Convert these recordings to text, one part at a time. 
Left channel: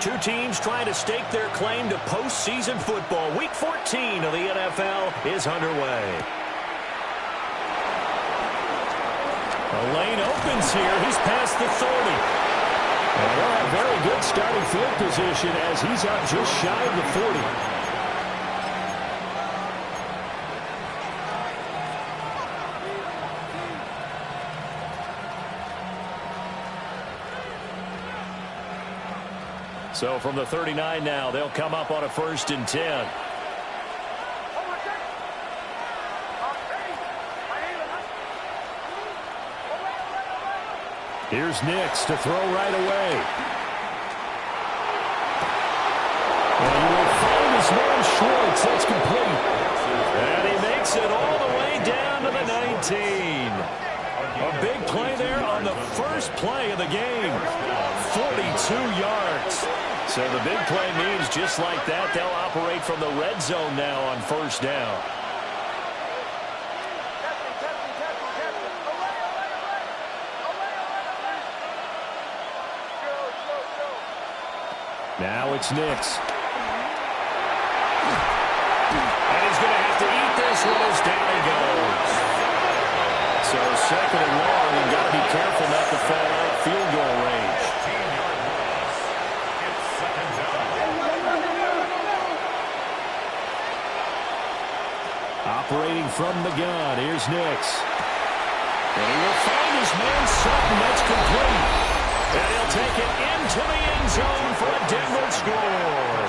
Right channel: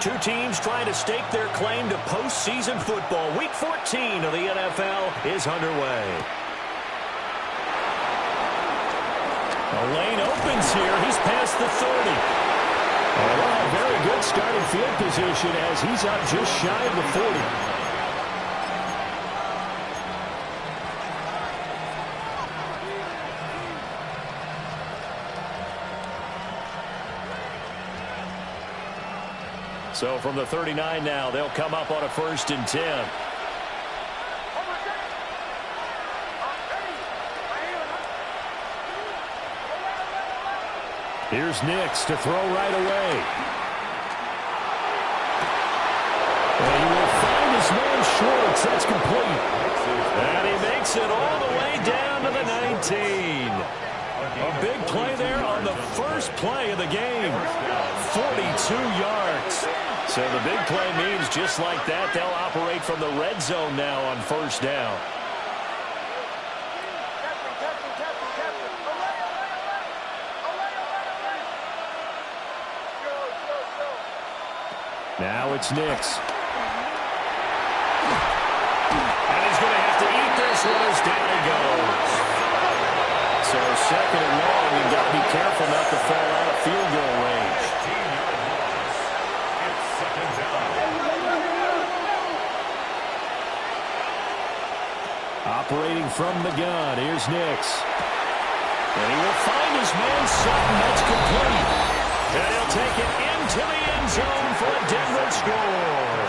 Two teams trying to stake their claim to postseason football. Week 14 of the NFL is underway. The lane opens here. He's past the 30. And he'll have very good starting field position as he's up just shy of the 40. So from the 39 now, they'll come up on a 1st and 10. Here's Nix to throw right away. And he will find his man Schwartz. That's complete. And he makes it all the way down to the 19. A big play there on the first play of the game. 42 yards. So the big play means just like that, they'll operate from the red zone now on 1st down. Now it's Nix. And he's going to have to eat this one as down he goes. So 2nd and long, you've got to be careful not to fall out of field goal range. 15-yard loss. It's 2nd down. Operating from the gun, here's Nix. And he will find his man Sutton. That's complete. And he'll take it into the end zone for a Denver score.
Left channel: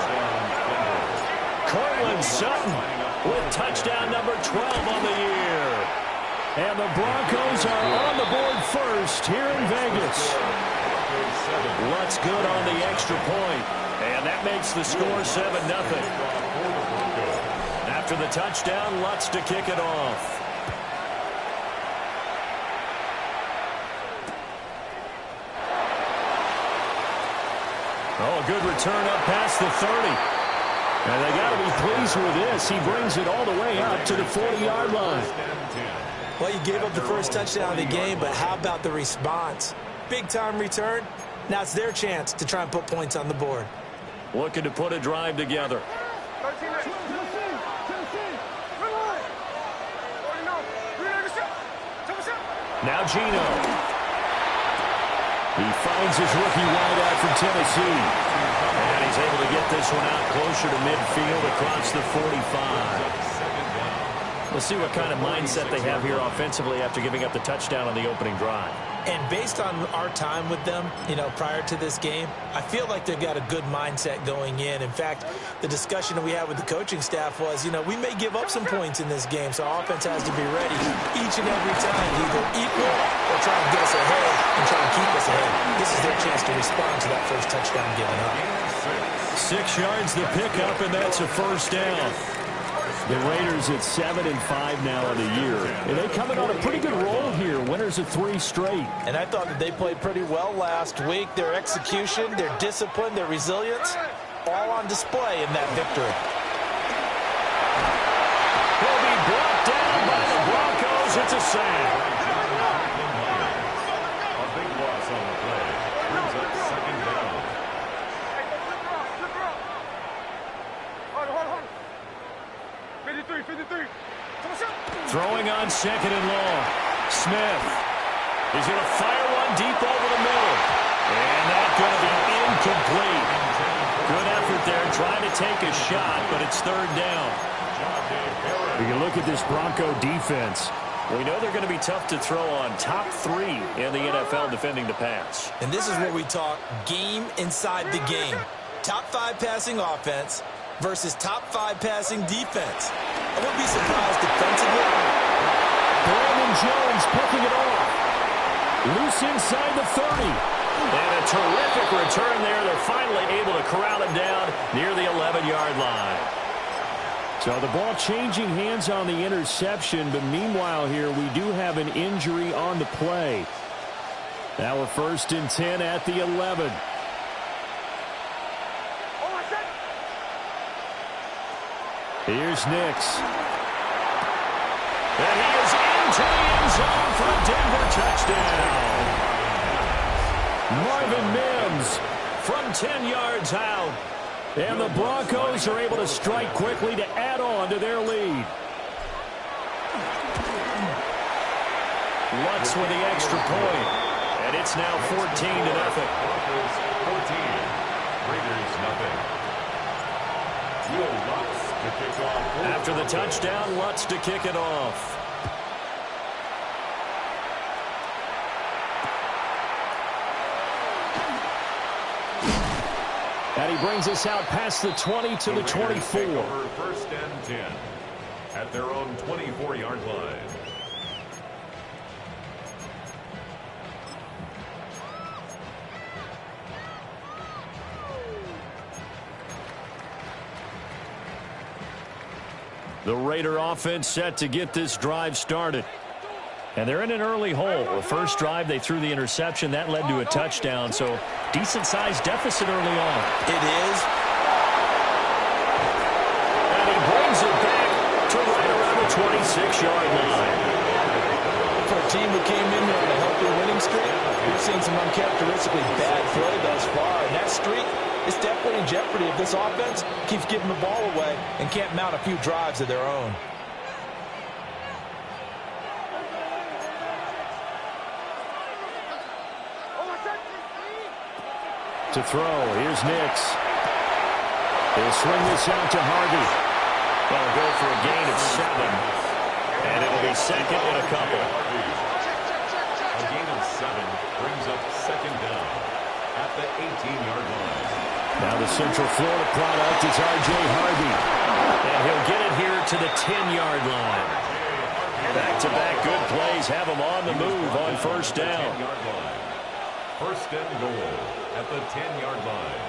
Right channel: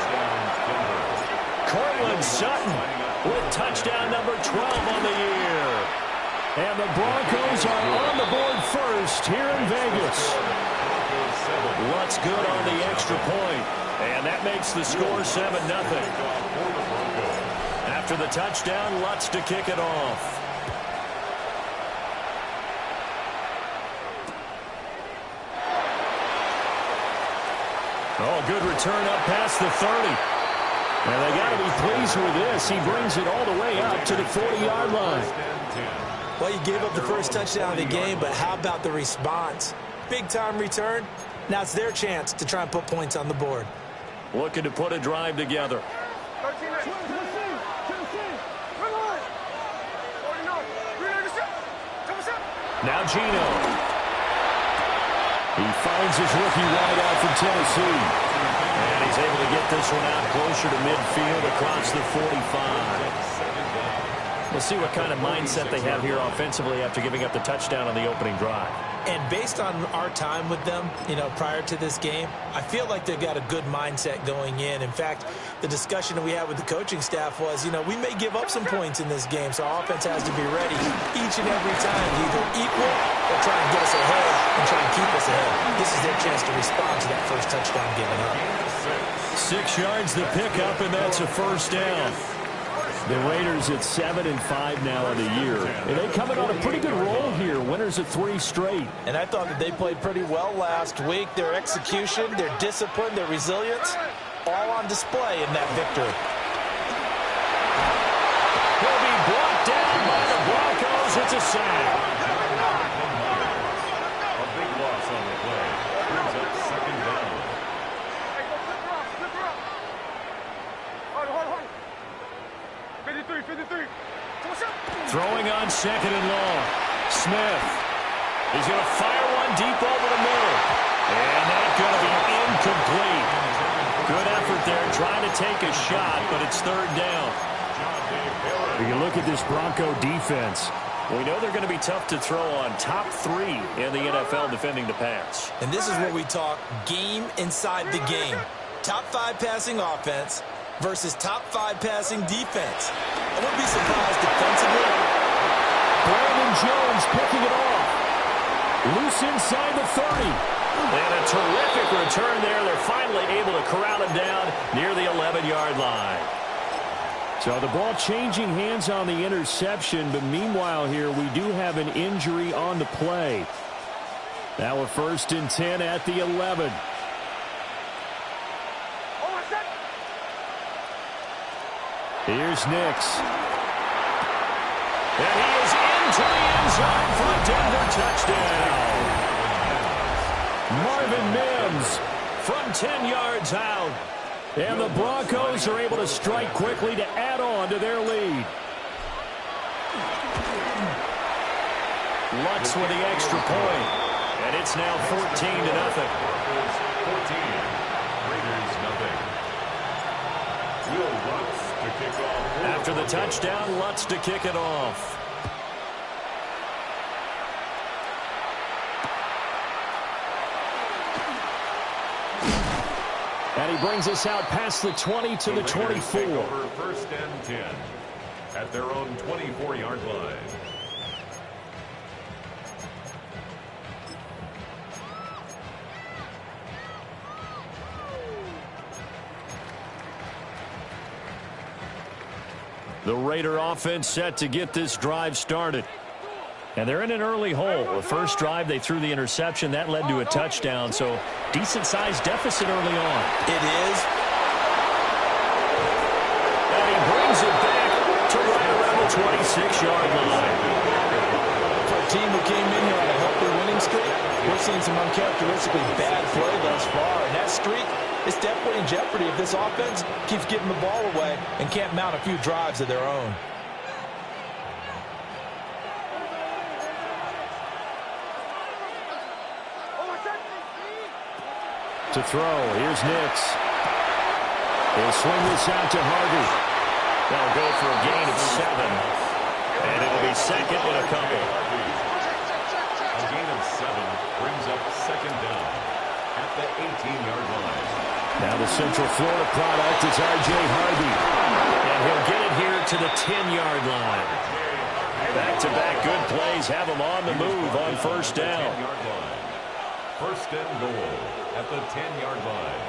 Cortland Sutton with touchdown number 12 on the year. And the Broncos are on the board first here in Vegas. Lutz good on the extra point. And that makes the score 7-0. After the touchdown, Lutz to kick it off. Oh, a good return up past the 30. And they got to be pleased with this. He brings it all the way up to the 40-yard line. Well, you gave up the first touchdown of the game, but how about the response? Big-time return. Now it's their chance to try and put points on the board. Looking to put a drive together. Now Geno. He finds his rookie wideout from Tennessee. And he's able to get this one out closer to midfield across the 45. We'll see what kind of mindset they have here offensively after giving up the touchdown on the opening drive. And based on our time with them, prior to this game, I feel like they've got a good mindset going in. In fact, the discussion that we had with the coaching staff was, we may give up some points in this game, so our offense has to be ready each and every time to either equal or try and get us ahead and try and keep us ahead. This is their chance to respond to that first touchdown given up. 6 yards the pickup, and that's a 1st down. The Raiders at 7-5 now on the year. And they coming on a pretty good roll here. Winners of 3 straight. And I thought that they played pretty well last week. Their execution, their discipline, their resilience, all on display in that victory. He'll be brought down by the Broncos. It's a sack. A big loss on the play. Brings up 2nd down. Throwing on 2nd and long. Smith. He's going to fire one deep over the middle. And that's going to be incomplete. Good effort there trying to take a shot, but it's 3rd down. You look at this Bronco defense. We know they're going to be tough to throw on. Top 3 in the NFL defending the pass. And this is where we talk game inside the game. Top 5 passing offense versus top 5 passing defense. I wouldn't be surprised defensively. Brandon Jones picking it off. Loose inside the 30. And a terrific return there. They're finally able to corral him down near the 11-yard line. So the ball changing hands on the interception, but meanwhile here we do have an injury on the play. Now a 1st and 10 at the 11. Here's Nix. And he is into the end zone for a Denver touchdown. Marvin Mims from 10 yards out. And the Broncos are able to strike quickly to add on to their lead. Lutz with the extra point. And it's now 14-0. Broncos 14, Raiders nothing. Will Lutz to kick off. After the touchdown, Lutz to kick it off. And he brings us out past the 20 to the 24. Take over 1st and 10 at their own 24-yard line. The Raider offense set to get this drive started. And they're in an early hole. The first drive, they threw the interception. That led to a touchdown, so decent-sized deficit early on. It is. And he brings it back to right around the 26-yard line. For a team who came in here on a healthy winning streak, we're seeing some uncharacteristically bad play thus far. And that streak is definitely in jeopardy if this offense keeps giving the ball away and can't mount a few drives of their own. To throw, here's Nix. He'll swing this out to Harvey. They'll go for a gain of 7. And it'll be second and a couple. A gain of 7 brings up 2nd down at the 18-yard line. Now the Central Florida product is R.J. Harvey. And he'll get it here to the 10-yard line. Back-to-back good plays have him on the move on 1st down. 10-yard line. 1st and goal at the 10-yard line.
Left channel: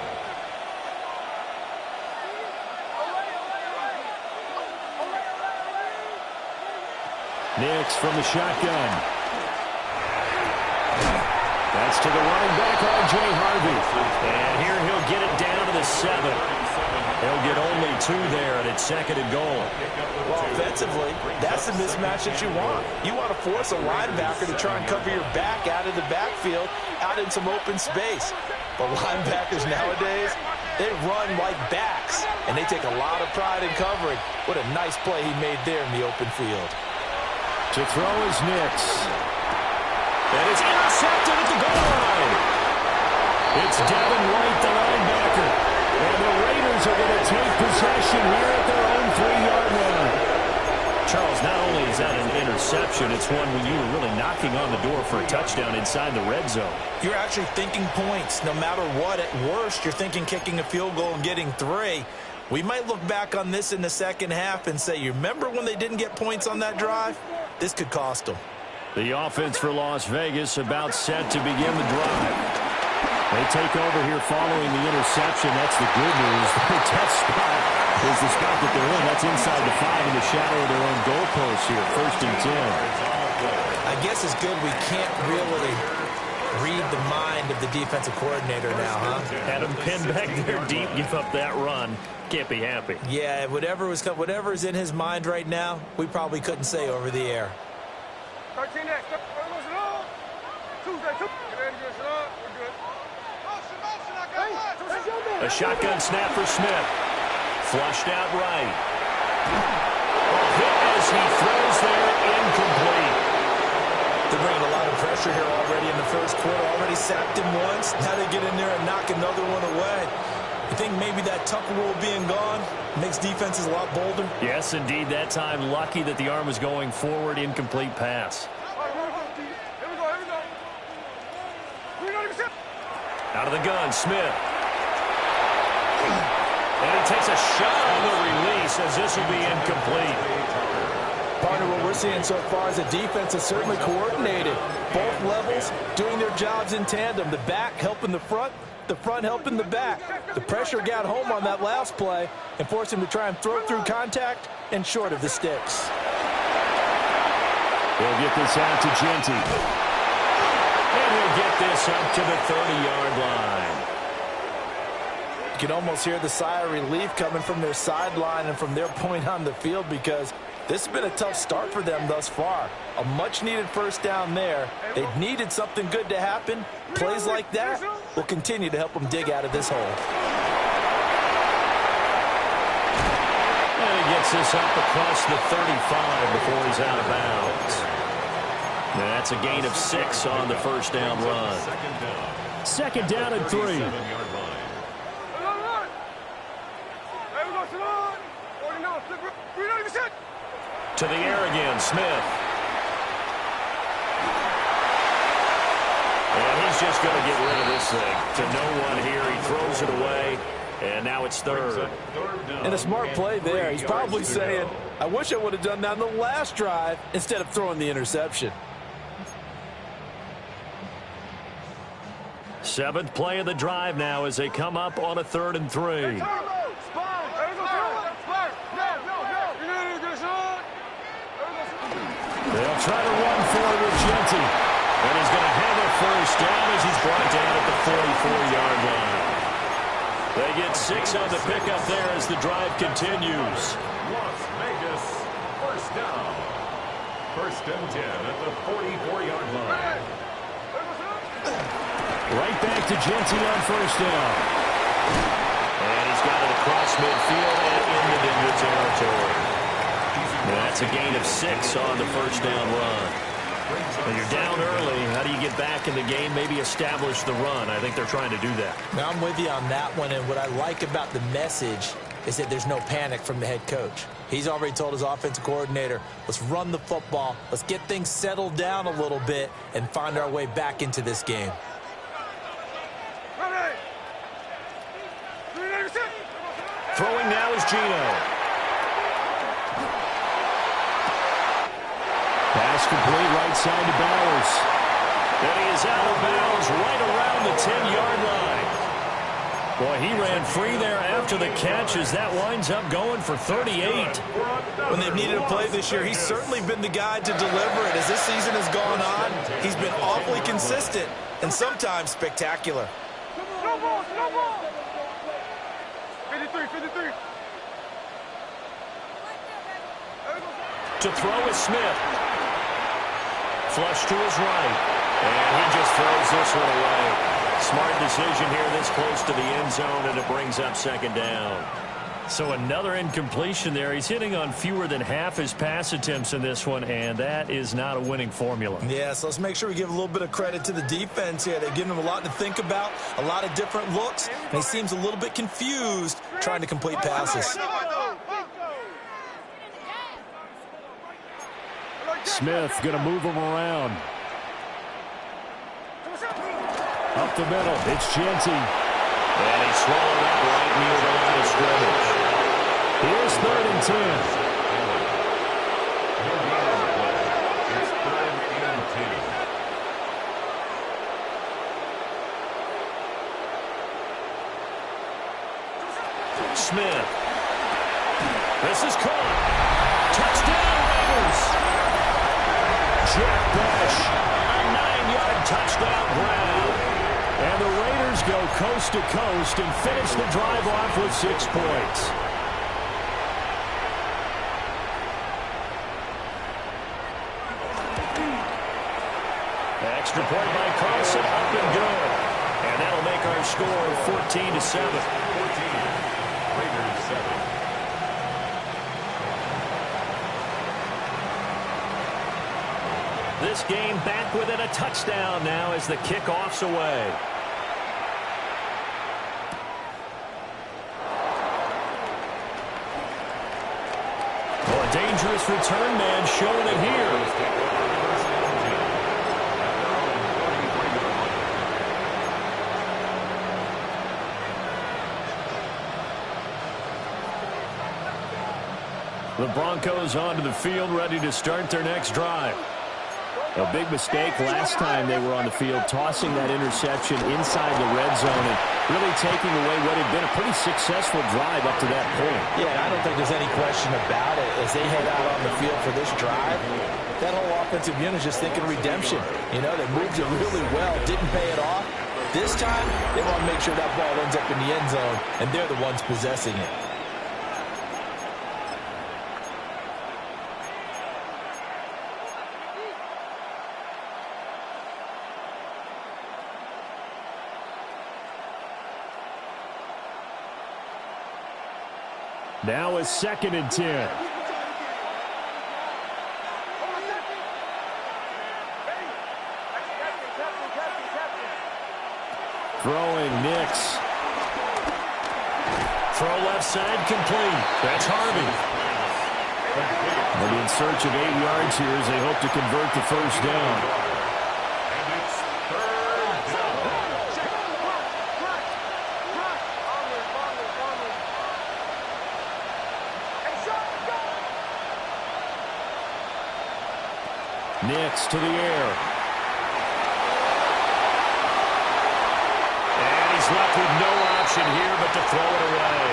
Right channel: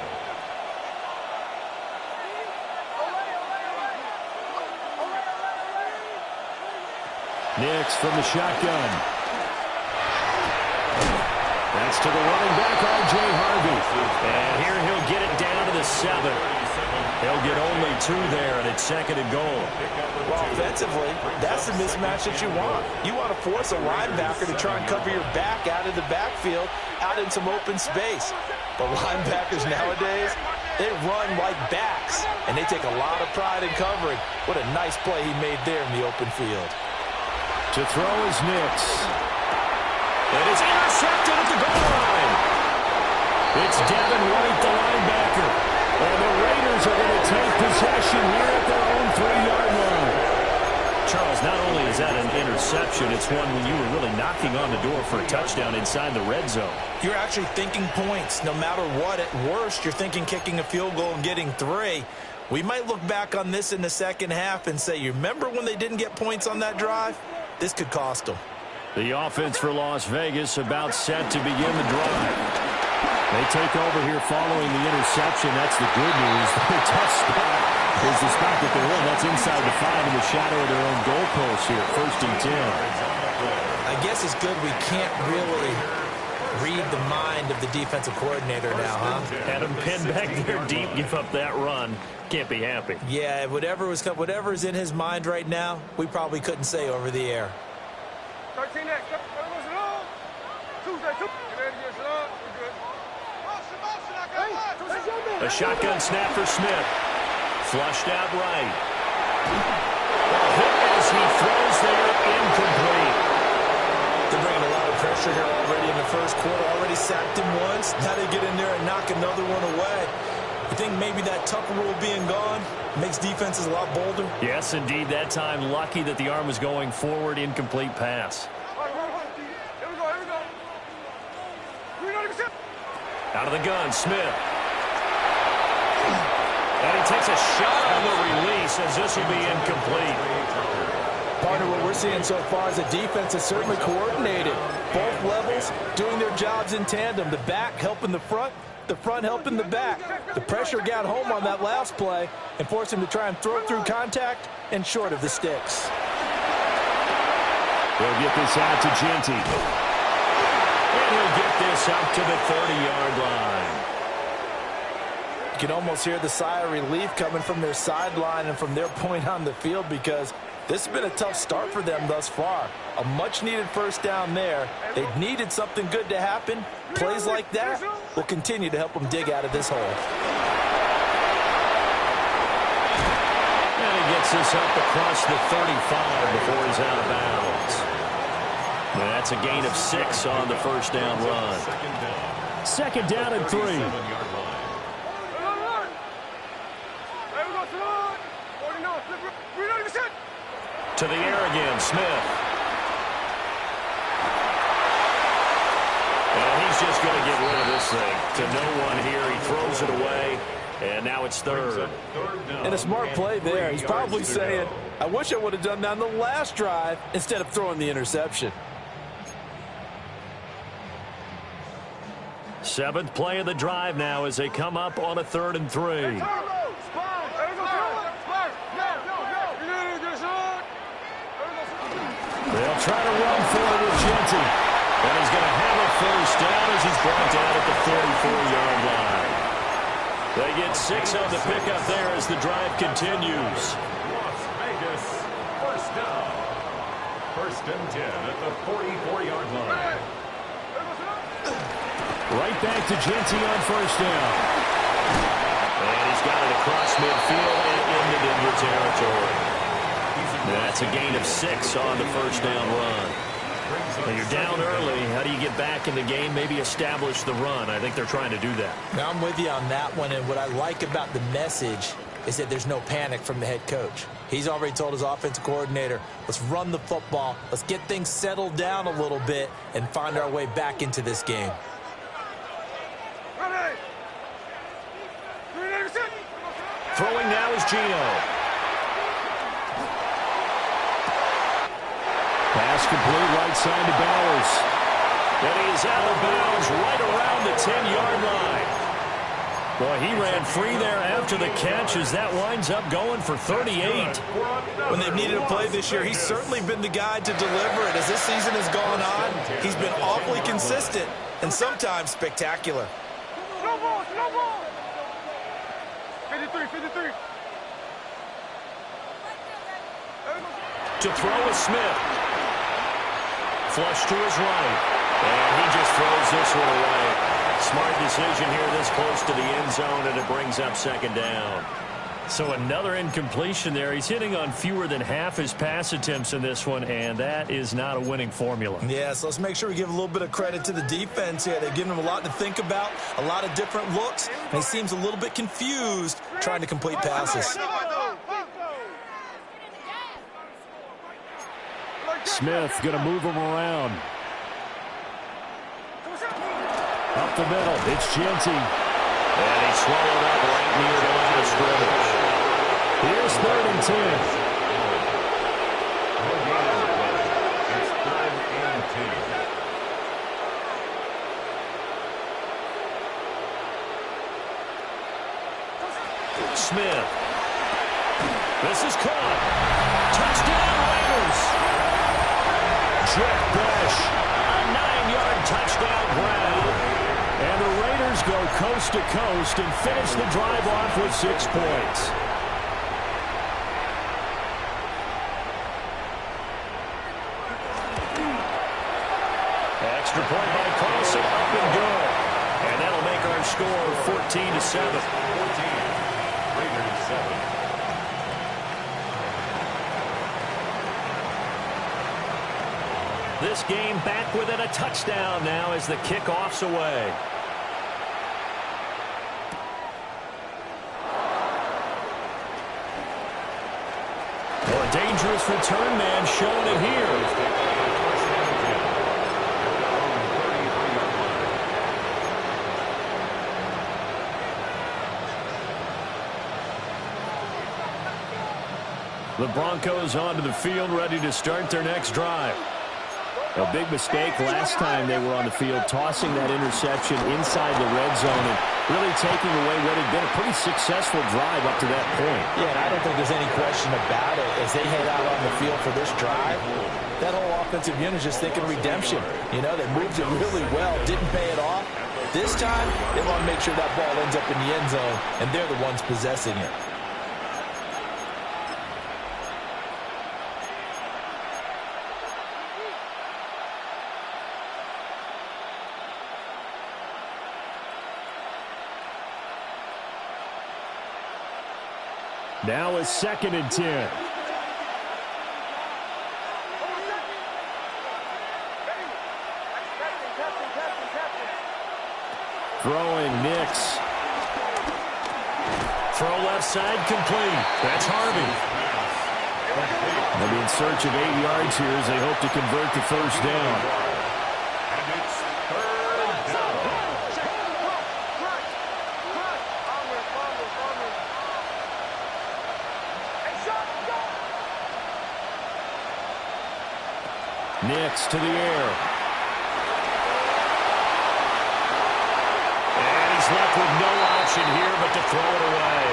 Nix from the shotgun. That's to the running back, R.J. Harvey. And here he'll get it down to the 7. He'll get only 2 there, and it's 2nd and goal. Well, offensively, that's the mismatch that you want. You want to force a linebacker to try and cover your back out of the backfield, out in some open space. But linebackers nowadays, they run like backs, and they take a lot of pride in covering. What a nice play he made there in the open field. To throw is Nix. And it's intercepted at the goal line. It's Devin White, the linebacker. And the Raiders are going to take possession here at their own 3-yard line. Charles, not only is that an interception, it's one when you were really knocking on the door for a touchdown inside the red zone. You're actually thinking points. No matter what, at worst, you're thinking kicking a field goal and getting 3. We might look back on this in the second half and say, you remember when they didn't get points on that drive? This could cost them. The offense for Las Vegas about set to begin the drive. They take over here following the interception. That's the good news. The tough spot is the spot that they're in. That's inside the 5 in the shadow of their own goalpost here. 1st and 10. I guess it's good we can't really read the mind of the defensive coordinator now, huh? Had him pinned back there deep, give up that run. Can't be happy. Yeah, whatever's in his mind right now, we probably couldn't say over the air. 13X. Tuesday. Get ready to get shut up. We're good. A shotgun snap for Smith. Flushed out right. Ball hit as he throws there, incomplete. They're bringing a lot of pressure here already in the first quarter. Already sacked him once. Now they get in there and knock another one away. You think maybe that Tucker rule being gone makes defenses a lot bolder? Yes, indeed. That time, lucky that the arm was going forward. Incomplete pass. Here we go. Out of the gun, Smith. And he takes a shot on the release as this will be incomplete. Partner, what we're seeing so far is the defense is certainly coordinated. Both levels doing their jobs in tandem. The back helping the front helping the back. The pressure got home on that last play and forced him to try and throw through contact and short of the sticks. He'll get this out to Genty. And he'll get this up to the 30-yard line. You can almost hear the sigh of relief coming from their sideline and from their point on the field, because This has been a tough start for them thus far. A much-needed first down there. They needed something good to happen. Plays like that will continue to help them dig out of this hole. And he gets this up across the 35 before he's out of bounds. And that's a gain of 6 on the first down run. Second down and 3. To the air again, Smith. And he's just going to get rid of this thing. To no one here. He throws it away. And now it's third. And a smart play there. He's probably saying, I wish I would have done that on the last drive instead of throwing the interception. 7th play of the drive now as they come up on a 3rd and 3. They'll try to run forward with Genty. And he's going to have a first down as he's brought down at the 44-yard line. They get 6 on the pickup there as the drive continues. Las Vegas, first down. 1st and 10 at the 44-yard line. Right back to Genty on first down. And he's got it across midfield and into Denver territory. That's a gain of 6 on the first down run. When you're down early, how do you get back in the game, maybe establish the run? I think they're trying to do that. Now, I'm with you on that one, and what I like about the message is that there's no panic from the head coach. He's already told his offensive coordinator, let's run the football, let's get things settled down a little bit and find our way back into this game. Throwing now is Gino. Pass complete right side to Bowers. And he is out of bounds right around the 10-yard line. Boy, he ran free there after the catch as that winds up going for 38. When they've needed a play this year, he's certainly been the guy to deliver it. As this season has gone on, he's been awfully consistent and sometimes spectacular. No ball, no ball. 53. To throw is Smith. Flush to his right. And he just throws this one away. Smart decision here this close to the end zone, and it brings up 2nd down. So another incompletion there. He's hitting on fewer than half his pass attempts in this one, and that is not a winning formula. Yeah, so let's make sure we give a little bit of credit to the defense here. They've given him a lot to think about, a lot of different looks, and he seems a little bit confused trying to complete passes. Smith going to move him around. Up the middle, it's Genty. And he swallowed up right near the line of scrimmage. Here's 3rd and 10. It's 3rd and 10. Smith. This is caught. Touchdown, Raiders. Jack Bash, a 9-yard touchdown grab. And the Raiders go coast to coast and finish the drive off with 6 points. Extra point by Carlson, up and good. And that'll make our score 14-7. 14. Raiders 7. This game back within a touchdown now as the kickoff's away. Oh, a dangerous return man showing it here. The Broncos onto the field, ready to start their next drive. A big mistake last time they were on the field, tossing that interception inside the red zone and really taking away what had been a pretty successful drive up to that point. Yeah, and I don't think there's any question about it. As they head out on the field for this drive, that whole offensive unit is just thinking redemption. You know, they moved it really well, didn't pay it off. This time, they want to make sure that ball ends up in the end zone, and they're the ones possessing it. Now a 2nd and 10. Throwing Nix. Throw left side complete. That's Harvey. They'll be in search of 8 yards here as they hope to convert the first down. And it's 3rd down. Nix to the air. And he's left with no option here but to throw it away.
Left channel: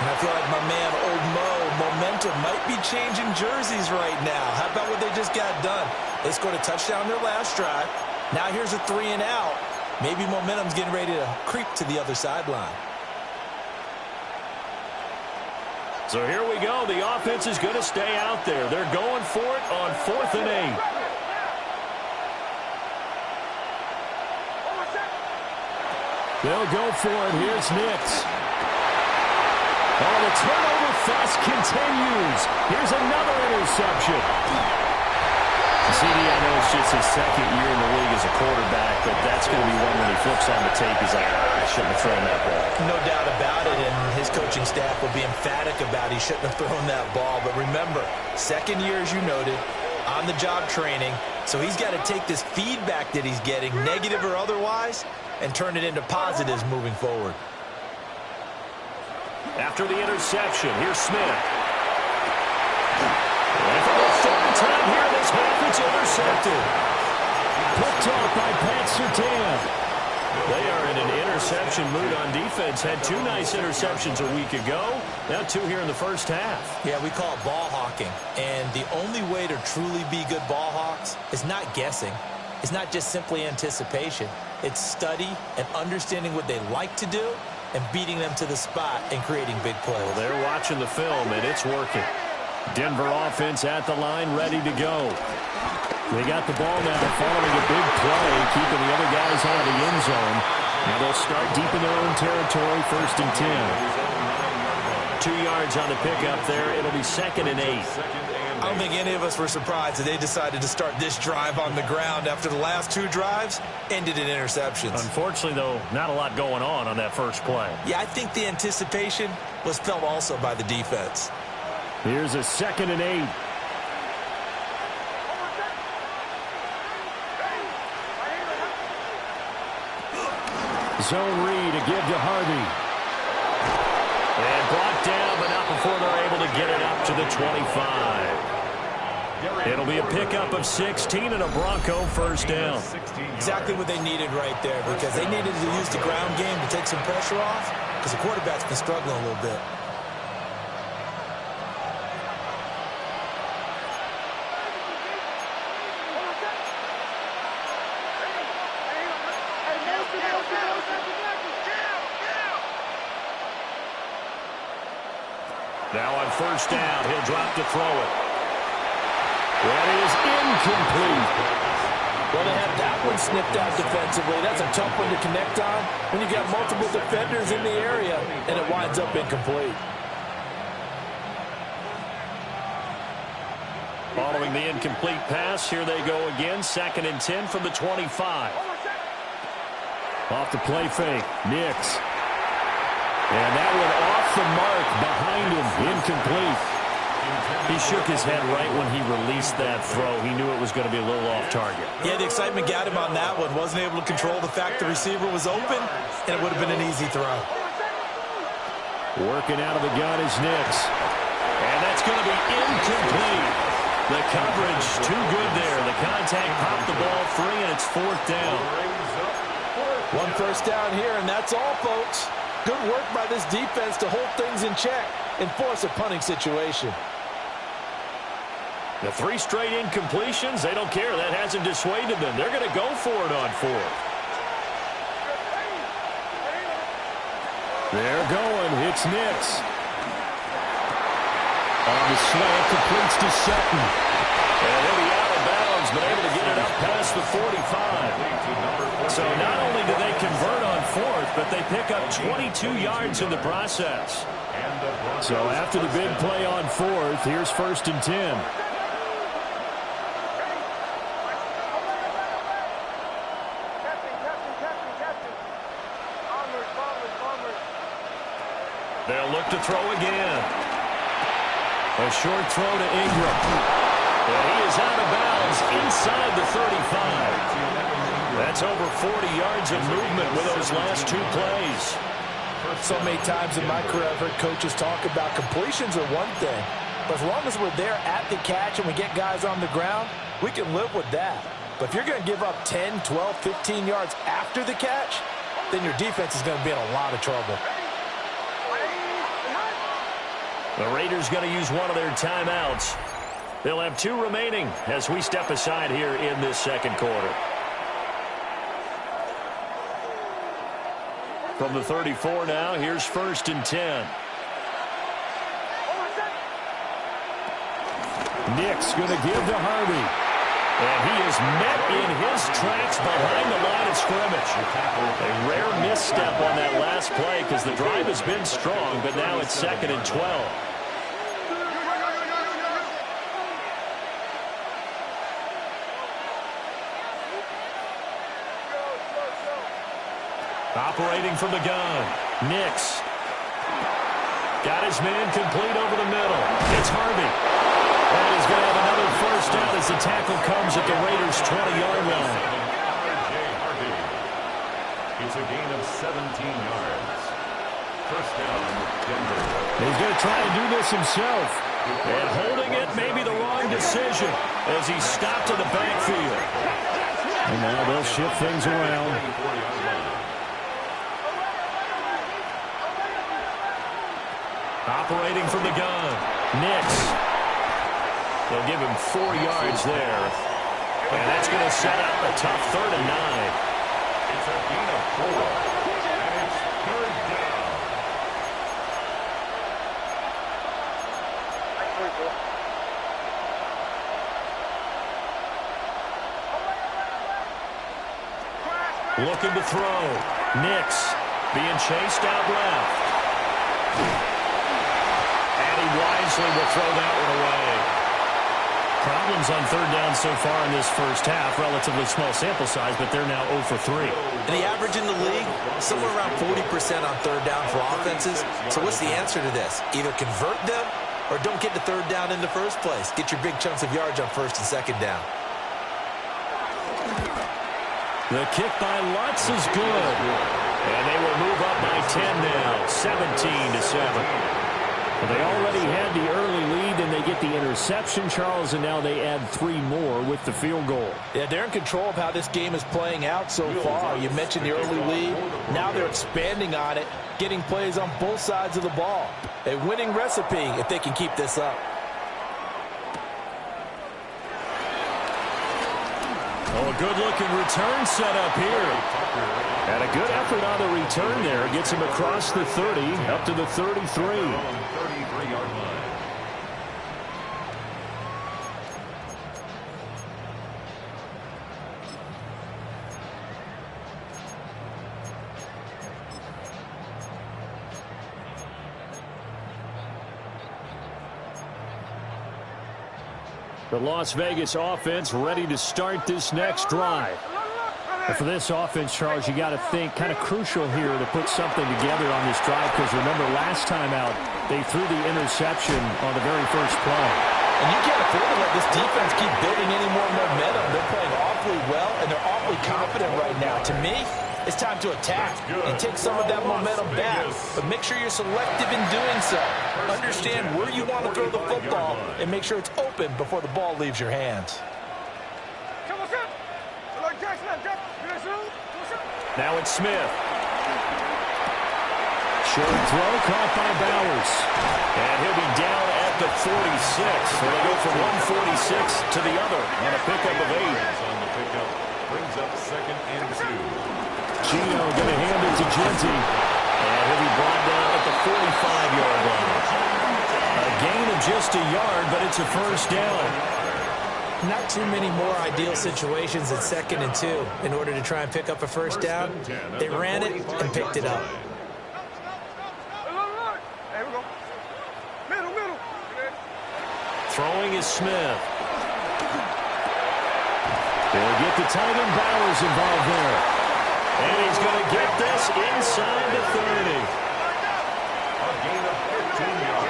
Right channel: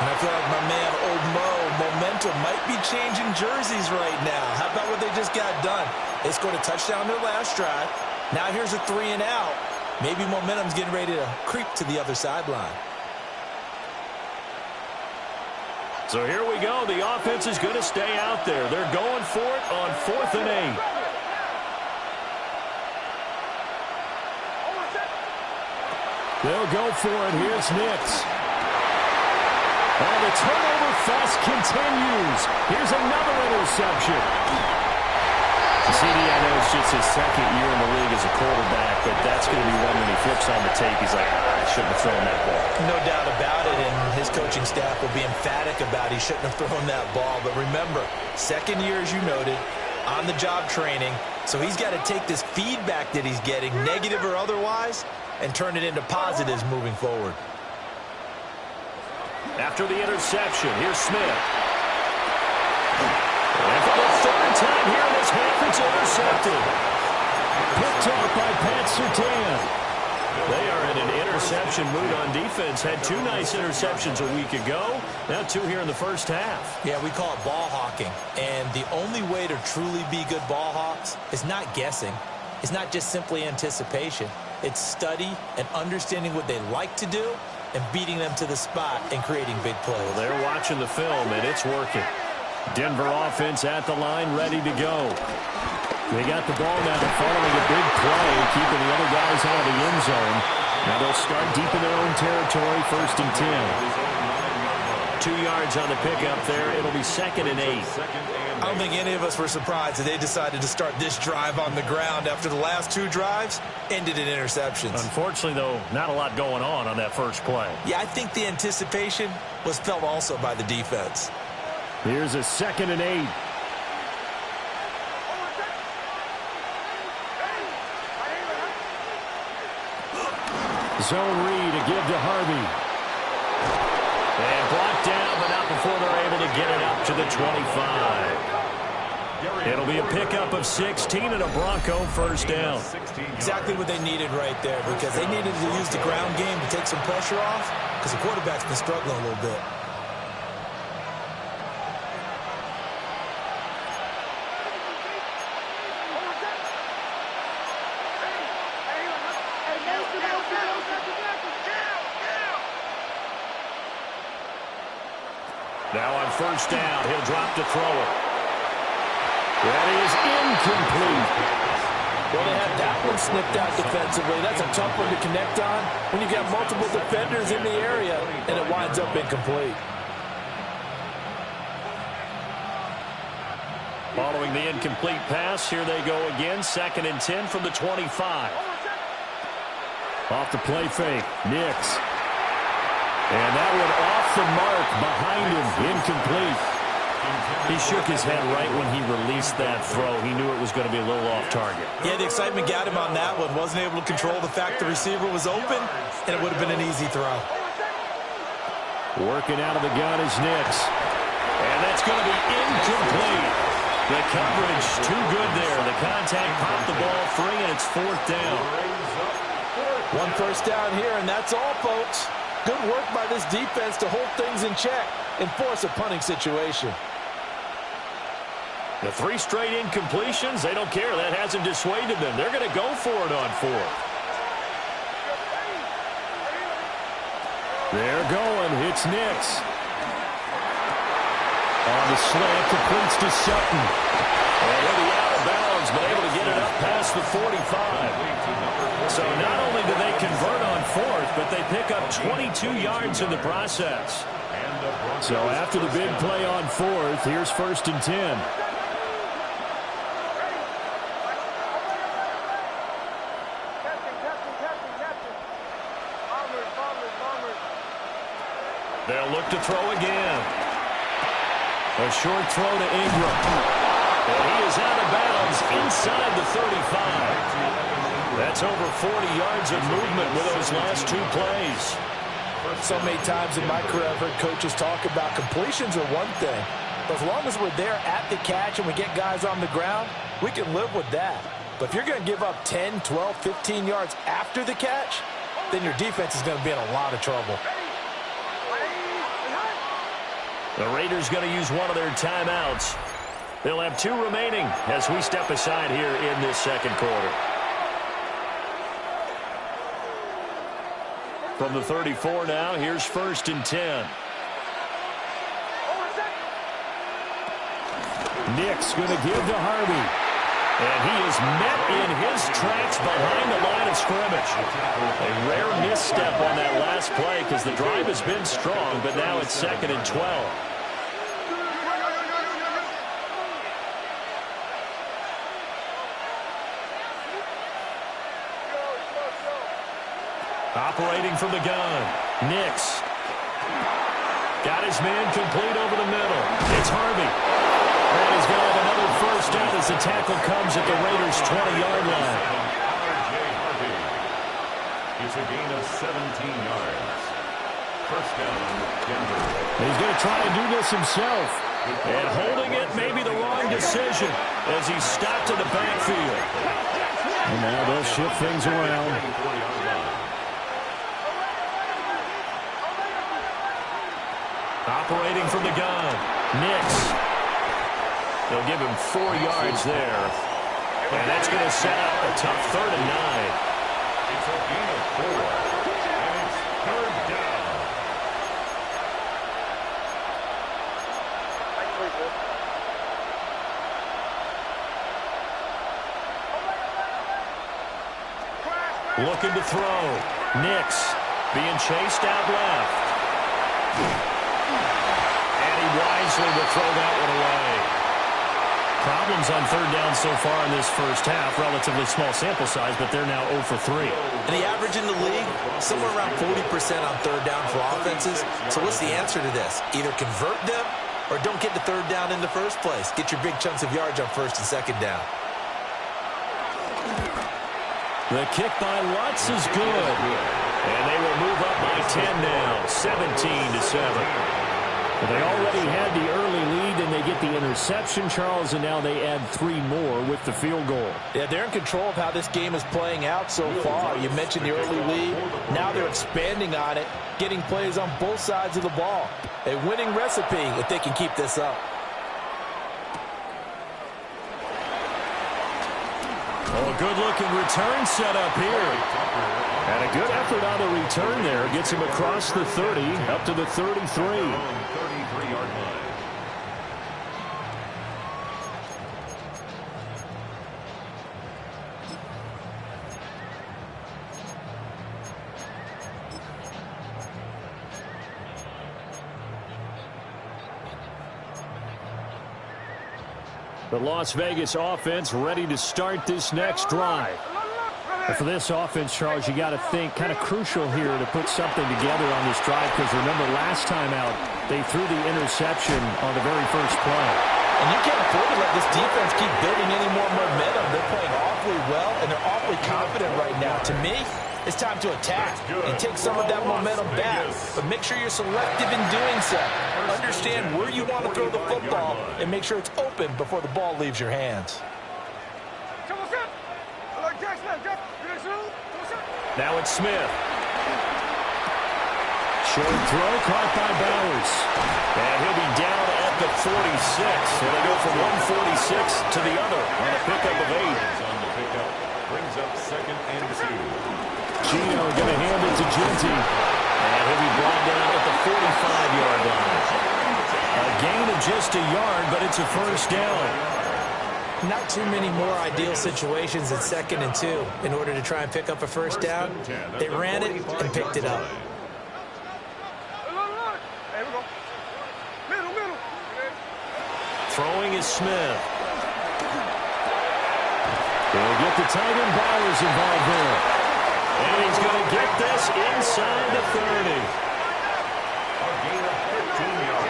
And I feel like my man, Old Mo, momentum might be changing jerseys right now. How about what they just got done? They scored a touchdown their last drive. Now here's a 3 and out. Maybe momentum's getting ready to creep to the other sideline. So here we go. The offense is going to stay out there. They're going for it on 4th and 8. They'll go for it. Here's Nix. Oh, the turnover fest continues. Here's another interception. CD, I know it's just his 2nd year in the league as a quarterback, but that's going to be one when he flips on the tape. He's like, I shouldn't have thrown that ball. No doubt about it, and his coaching staff will be emphatic about he shouldn't have thrown that ball. But remember, 2nd year, as you noted, on-the-job training, so he's got to take this feedback that he's getting, negative or otherwise, and turn it into positives moving forward. After the interception, here's Smith. And for the 3rd time here in this half, it's intercepted. Picked off by Pat Surtain. They are in an interception mood on defense. Had 2 nice interceptions a week ago. Now 2 here in the first half. Yeah, we call it ball hawking. And the only way to truly be good ball hawks is not guessing. It's not just simply anticipation. It's study and understanding what they like to do and beating them to the spot and creating big plays. Well, they're watching the film, and it's working. Denver offense at the line, ready to go. They got the ball now following a big play, keeping the other guys out of the end zone. Now they'll start deep in their own territory, 1st and 10. 2 yards on the pickup there. It'll be 2nd and 8. I don't think any of us were surprised that they decided to start this drive on the ground after the last 2 drives ended in interceptions. Unfortunately, though, not a lot going on that first play. Yeah, I think the anticipation was felt also by the defense. Here's a 2nd and 8. Zone read to give to Harvey. And blocked down, but not before they're able to get it up to the 25. It'll be a pickup of 16 and a Bronco first down. Exactly what they needed right there, because they needed to use the ground game to take some pressure off, because the quarterback's been struggling a little bit. Now on first down, he'll drop to throw it. That is incomplete. Well, they had that one snipped out defensively. That's a tough one to connect on when you got multiple defenders in the area, and it winds up incomplete. Following the incomplete pass, here they go again. 2nd and 10 from the 25. Off the play fake, Nix. And that one off the mark behind him, incomplete. He shook his head right when he released that throw. He knew it was going to be a little off target. Yeah, the excitement got him on that one. Wasn't able to control the fact the receiver was open, and it would have been an easy throw. Working out of the gun is Nix. And that's going to be incomplete. The coverage too good there. The contact popped the ball free, and it's 4th down. 1 first down here, and that's all, folks. Good work by this defense to hold things in check and force a punting situation. The 3 straight incompletions, they don't care. That hasn't dissuaded them. They're going to go for it on 4th. They're going. It's Nix. On the slant, completes to Sutton. And he'll be out of bounds, but able to get it up past the 45. So not only do they convert on 4th, but they pick up 22 yards in the process. And the Broncos So after the big play on fourth, here's 1st and 10. They'll look to throw again. A short throw to Ingram. And he is out of bounds inside the 35. That's over 40 yards of movement with those last 2 plays. So many times in my career, I've heard coaches talk about completions are one thing. But as long as we're there at the catch and we get guys on the ground, we can live with that. But if you're going to give up 10, 12, 15 yards after the catch, then your defense is going to be in a lot of trouble. The Raiders going to use one of their timeouts. They'll have 2 remaining as we step aside here in this second quarter. From the 34 now, here's 1st and 10. Nick's going to give to Harvey. And he is met in his tracks behind the line of scrimmage. A rare misstep on that last play because the drive has been strong, but now it's 2nd and 12. Operating from the gun, Nix. Got his man complete over the middle. It's Harvey. And he's going to have another first down as the tackle comes at the Raiders' 20-yard line. Harvey. It's a gain of 17 yards. First down, Denver. He's going to try and do this himself. And holding it may be the wrong decision as he's stopped in the backfield. And now they'll shift things around. Operating from the gun, Nix. They'll give him 4 yards there. And that's going to set up a tough 3rd and 9. It's a gain of 4. And it's 3rd down. Looking to throw. Nix being chased out left. And he wisely will throw that one away. Problems on 3rd down so far in this first half. Relatively small sample size, but they're now 0 for 3. And the average in the league, somewhere around 40% on 3rd down for offenses. So what's the answer to this? Either convert them or don't get to 3rd down in the first place. Get your big chunks of yards on 1st and 2nd down. The kick by Lutz is good. And they will move up by 10 now, 17-7. Well, they already had the early lead, and they get the interception, Charles, and now they add 3 more with the field goal. Yeah, they're in control of how this game is playing out so far. You mentioned the early lead. Now they're expanding on it, getting plays on both sides of the ball. A winning recipe if they can keep this up. Oh, a good-looking return set up here. And a good effort on the return there. Gets him across the 30, up to the 33. 33-yard line. The Las Vegas offense ready to start this next drive. And for this offense, Charles, you got to think kind of crucial here to put something together on this drive because remember last time out they threw the interception on the very first play. And you can't afford to let this defense keep building any more momentum. They're playing awfully well, and they're awfully confident right now. To me, it's time to attack and take some of that momentum back. But make sure you're selective in doing so. Understand where you want to throw the football and make sure it's open before the ball leaves your hands. Now it's Smith. Short throw caught by Bowers. And he'll be down at the 46. So they go from 146 to the other on a pickup of 8. On the pickup, brings up 2nd and 2. Gino going to hand it to Genty. And he'll be brought down at the 45-yard line. A gain of just a yard, but it's a first down. Not too many more ideal situations in 2nd and 2 in order to try and pick up a first down. They ran it and picked it up. There we go. Throwing is Smith. They'll get the tight end Bowers involved there. And he's going to get this inside the 30. A gain of 15 yards.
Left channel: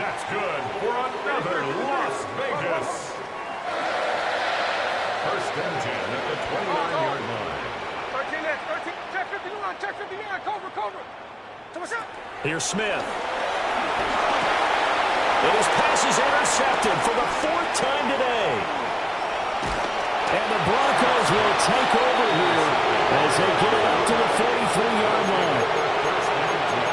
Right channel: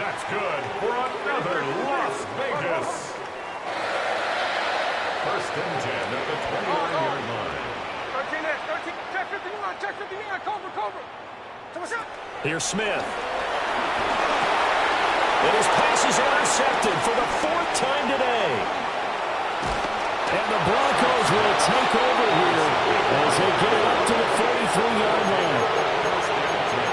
That's good for another Las Vegas. First and 10 at the 29-yard line. 13, check 59, check 59, cover. Here's Smith. And his pass is intercepted for the 4th time today. And the Broncos will take over here as they get it up to the 43-yard line.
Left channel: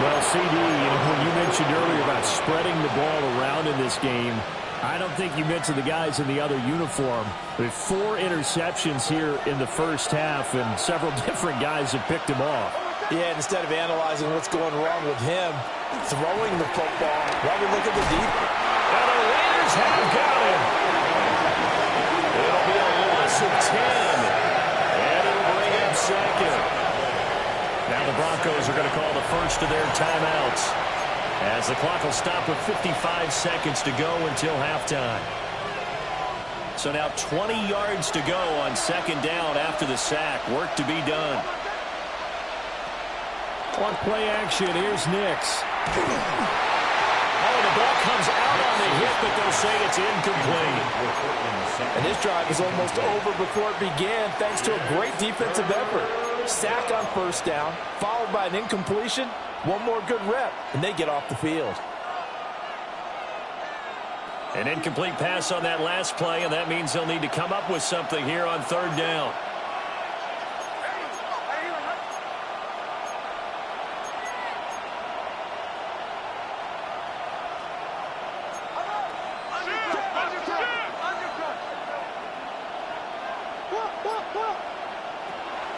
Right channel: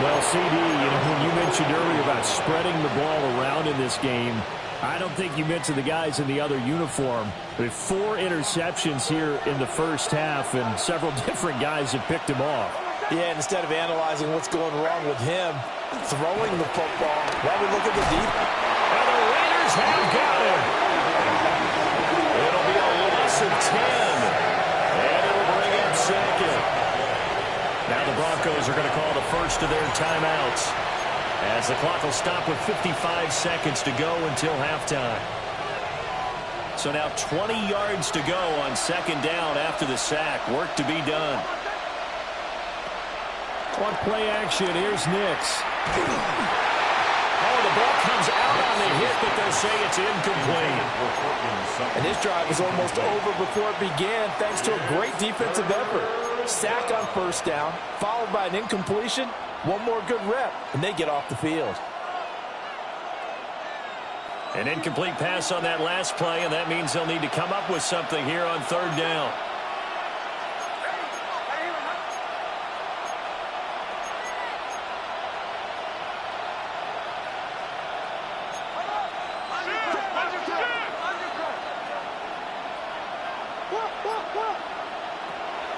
Well, CD, when you mentioned earlier about spreading the ball around in this game, I don't think you mentioned the guys in the other uniform. With 4 interceptions here in the first half, and several different guys have picked him off. Yeah, and instead of analyzing what's going wrong with him, throwing the football while we look at the defense. And the Raiders have got him. It'll be a loss of 10. And it'll bring up second. Now the Broncos are going to call the first of their timeouts, as the clock will stop with 55 seconds to go until halftime. So now 20 yards to go on second down after the sack. Work to be done. On play action, here's Nix. Oh, the ball comes out on the hit, but they'll say it's incomplete. And this drive is almost over before it began, thanks to a great defensive effort. Sack on first down, followed by an incompletion. One more good rep, and they get off the field. An incomplete pass on that last play, and that means they'll need to come up with something here on third down.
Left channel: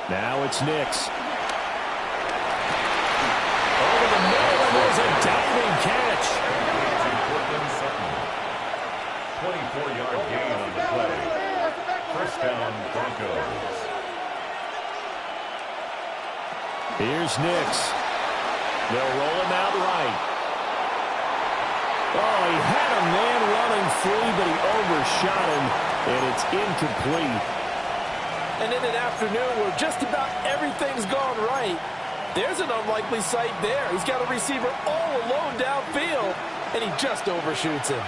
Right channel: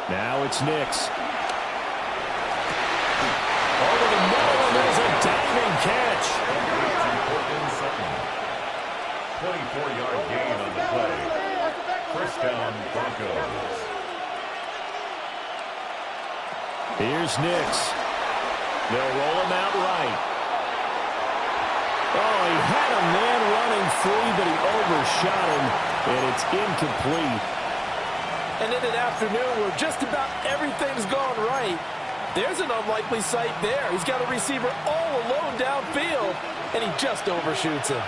Now it's Nix. Over the middle, and there's a diving catch. 24-yard gain on the play. First down, Broncos. Here's Nix. They'll roll him out right. Oh, he had a man running free, but he overshot him, and it's incomplete. And in an afternoon where just about everything's gone right, there's an unlikely sight there. He's got a receiver all alone downfield, and he just overshoots him.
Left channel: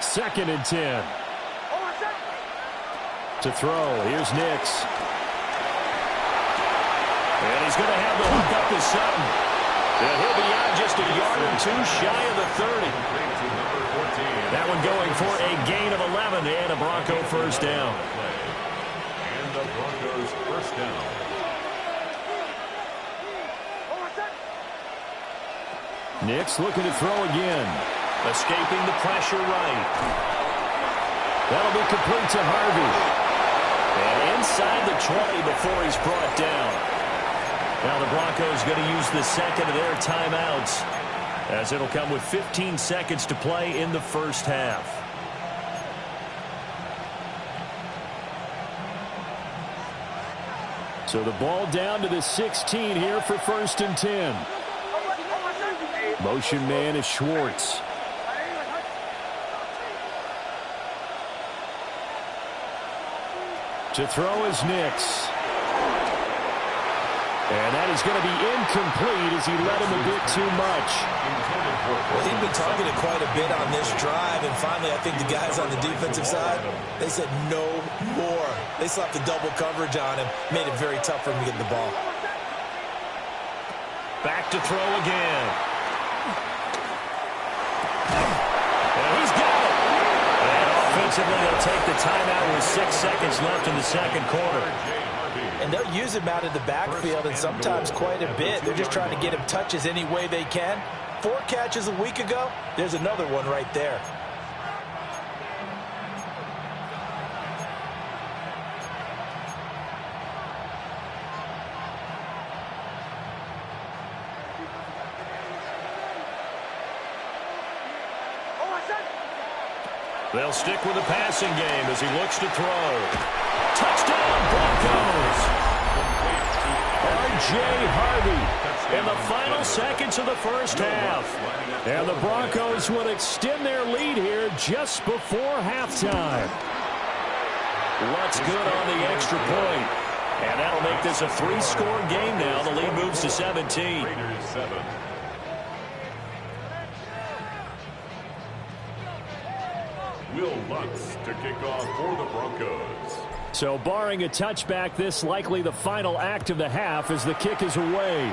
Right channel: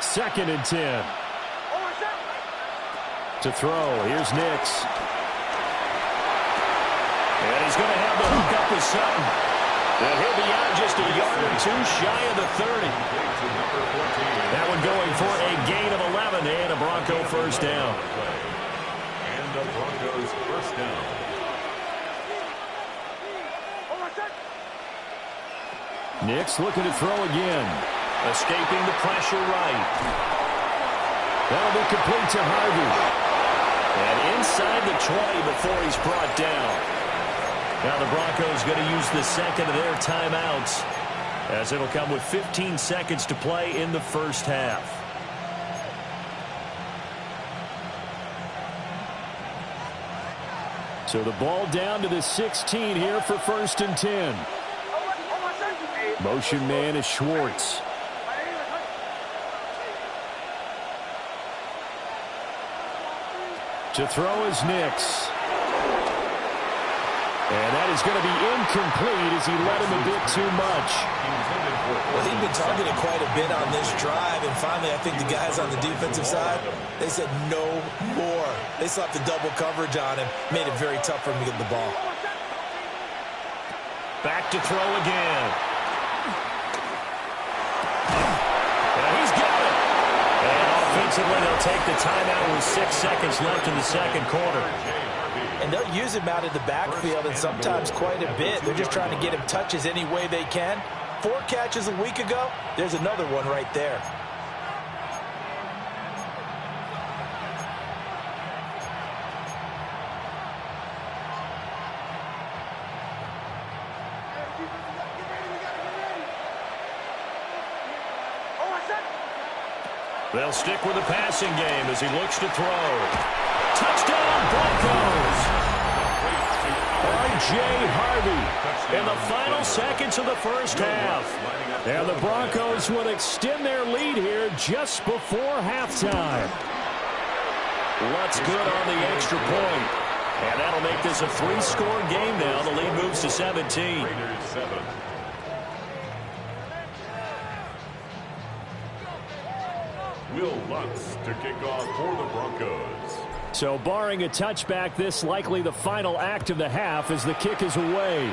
Second and 10. To throw, here's Nix. And he's going to have the hook up with Sutton. And he'll be out just a yard or two shy of the 30. That one going for a gain of 11 and a Bronco first down. And the Broncos first down. Nix looking to throw again. Escaping the pressure right. That'll be complete to Harvey. And inside the 20 before he's brought down. Now the Broncos going to use the second of their timeouts, as it'll come with 15 seconds to play in the first half. So the ball down to the 16 here for first and 10. Motion man is Schwartz. To throw is Nix. And that is going to be incomplete as he led him a bit too much. Well, he'd been targeted quite a bit on this drive, and finally I think the guys on the defensive side, they said no more. They slapped the double coverage on him, made it very tough for him to get the ball. Back to throw again. And he's got it. And offensively, they'll take the timeout with 6 seconds left in the second quarter. And they'll use him out of the backfield, and sometimes quite a bit. They're just trying to get him touches any way they can. 4 catches a week ago, there's another one right there. They'll stick with the passing game as he looks to throw. Touchdown, Broncos! All right, J. Harvey in the final seconds of the first half. And the Broncos would extend their lead here just before halftime. Lutz good on the extra point. And that'll make this a 3-score game now. The lead moves to 17. Raiders 7. Will Lutz to kick off for the Broncos. So barring a touchback, this likely the final act of the half as the kick is away.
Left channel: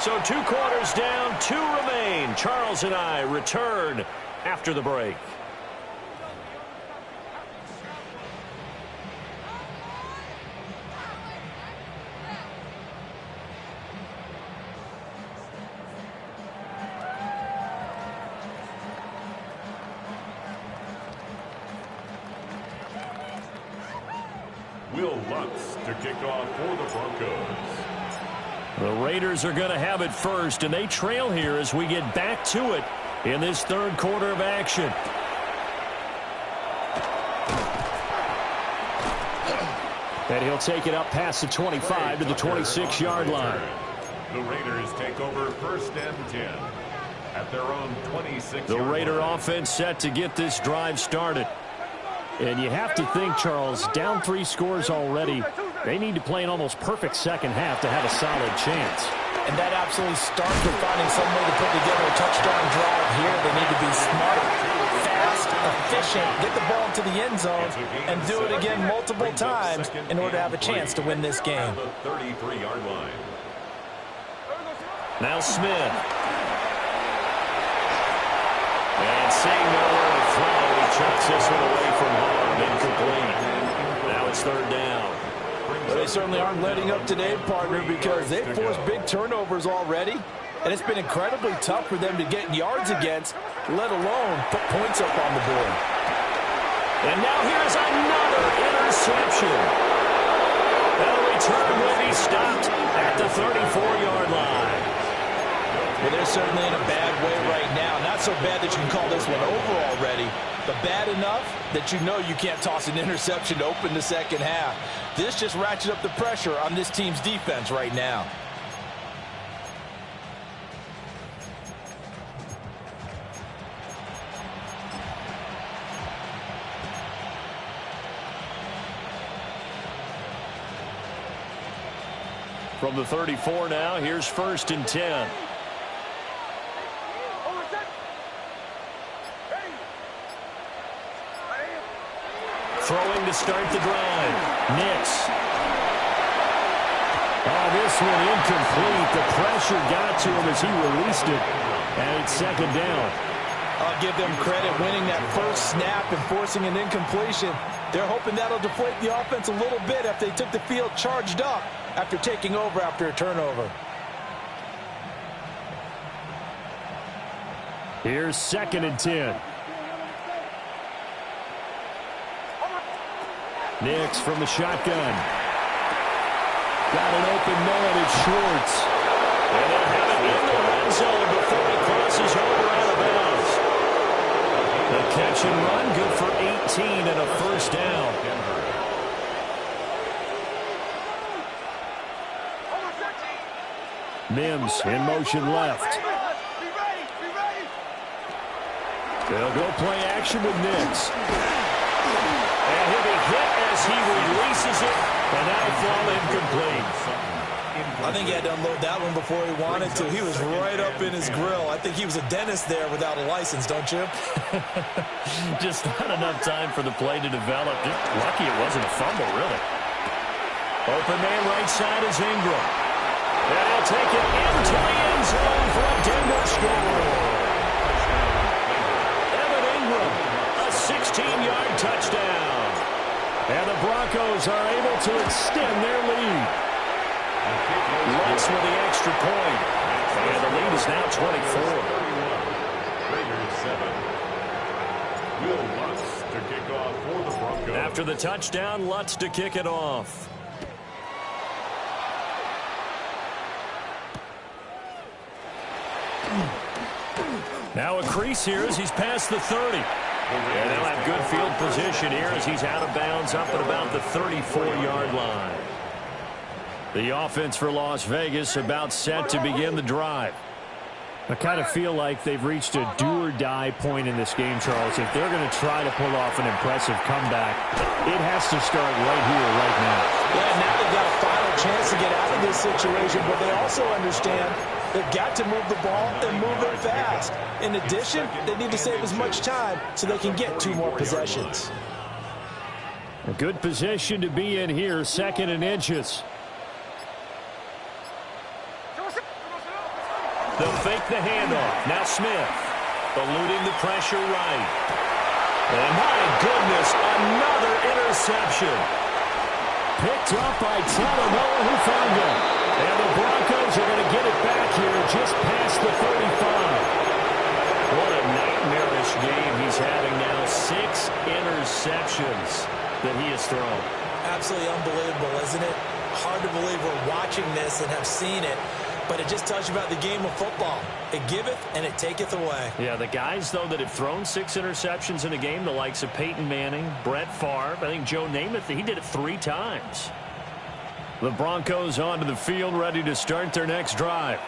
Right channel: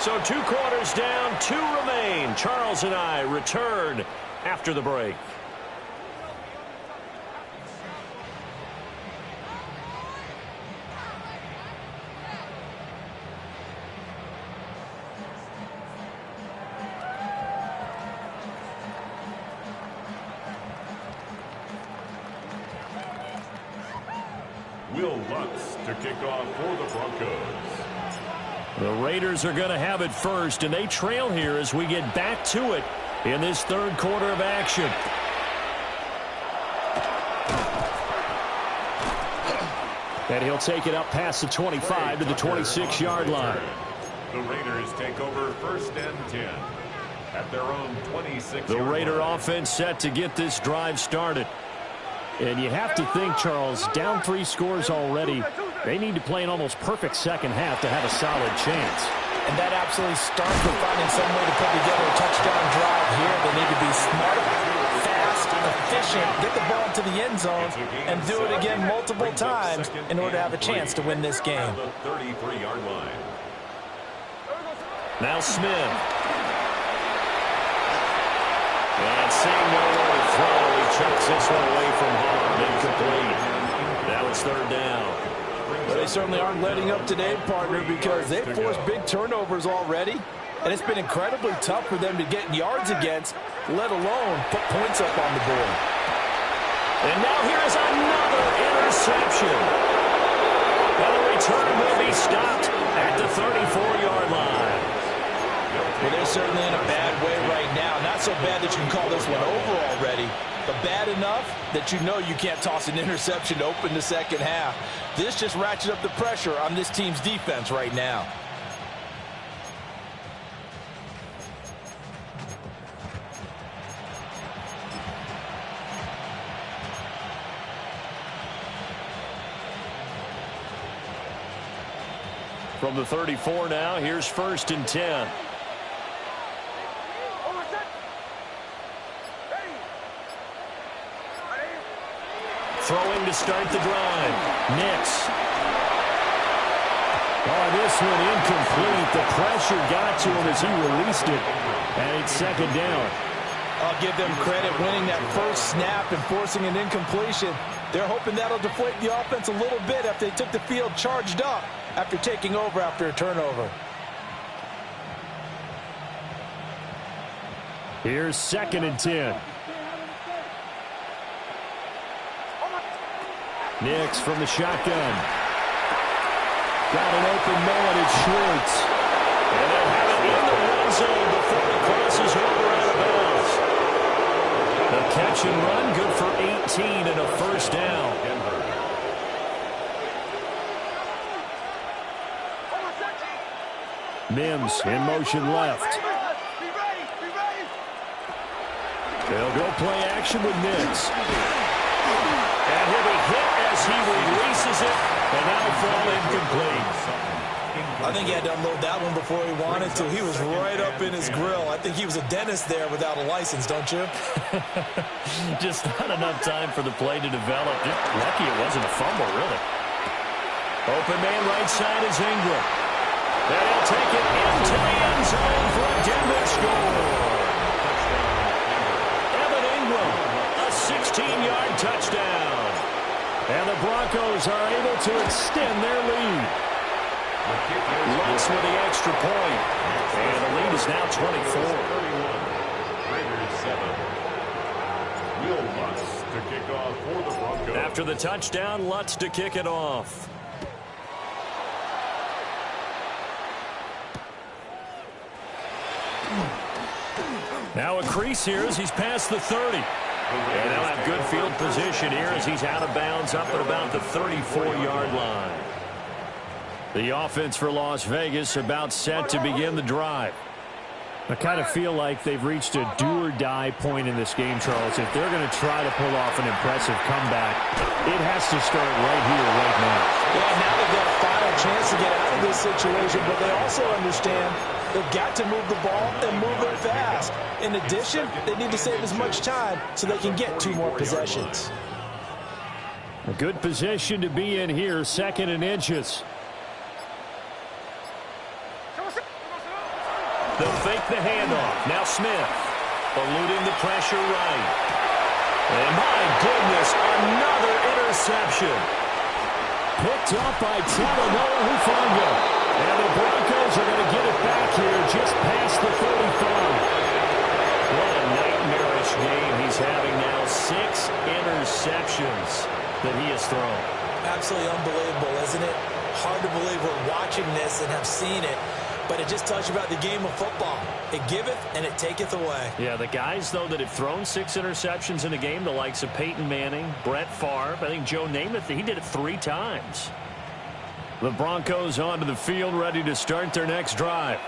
So 2 quarters down, 2 remain. Charles and I return after the break. Will Lutz to kick off for the Broncos. The Raiders are going to have it first, and they trail here as we get back to it in this 3rd quarter of action. And he'll take it up past the 25 to the 26-yard line. The Raiders take over 1st and 10 at their own 26-yard line. The Raider offense set to get this drive started. And you have to think, Charles, down 3 scores already. They need to play an almost perfect second half to have a solid chance. And that absolutely starts with finding some way to put together a touchdown drive here. They need to be smart, fast, efficient, get the ball into the end zone, and do it again multiple times in order to have a chance to win this game. The 33-yard line. Now Smith. And seeing nowhere to throw, he chucks this one away from harm. Incomplete. Now it's 3rd down. Well, they certainly aren't letting up today, partner, because they've forced big turnovers already. And it's been incredibly tough for them to get yards against, let alone put points up on the board. And now here is another interception. Now the return will be stopped at the 34-yard line. Well, they're certainly in a bad way right now. Not so bad that you can call this one over already, but bad enough that you know you can't toss an interception to open the second half. This just ratchets up the pressure on this team's defense right now. From the 34 now, here's 1st and 10. Throwing to start the drive. Nix. Oh, this one incomplete. The pressure got to him as he released it. And it's 2nd down. I'll give them credit winning that first snap and forcing an incompletion. They're hoping that'll deflate the offense a little bit if they took the field charged up after taking over after a turnover. Here's 2nd and 10. Nix from the shotgun. Got an open man. It's Schwartz. And they'll have it in the red zone before it crosses over out of bounds. The catch and run good for 18 and a 1st down. Mims in motion left. They'll go play action with Nix. And he'll be hit as he releases it, and that'll fall incomplete. I think he had to unload that one before he wanted to. He was right up in his grill. I think he was a dentist there without a license, don't you? Just not enough time for the play to develop. Just lucky it wasn't a fumble, really. Open man right side is Ingram. And he'll take it into the end zone for a Denver score. Evan Ingram, a 16-yard touchdown. And the Broncos are able to extend their lead. Lutz with the extra point. And the lead is now 24. 31. Raiders 7. Will Lutz to kick off for the Broncos. After the touchdown, Lutz to kick it off. Now a crease here as he's past the 30. And they'll have good field position here as he's out of bounds up at about the 34-yard line. The offense for Las Vegas about set to begin the drive. I kind of feel like they've reached a do-or-die point in this game, Charles. If they're going to try to pull off an impressive comeback, it has to start right here, right now. Yeah, now they've got a final chance to get out of this situation, but they also understand they've got to move the ball and move it fast. In addition, they need to save as much time so they can get 2 more possessions. A good position to be in here, 2nd and inches. They'll fake the handoff. Now Smith eluding the pressure right. And my goodness, another interception. Picked up by Talanoa Hufanga. And the Broncos are going to get it back here just past the 35. What a nightmarish game he's having now. 6 interceptions that he has thrown. Absolutely unbelievable, isn't it? Hard to believe we're watching this and have seen it. But it just tells you about the game of football. It giveth and it taketh away. Yeah, the guys, though, that have thrown 6 interceptions in a game, the likes of Peyton Manning, Brett Favre, I think Joe Namath, he did it 3 times. The Broncos onto the field, ready to start their next drive.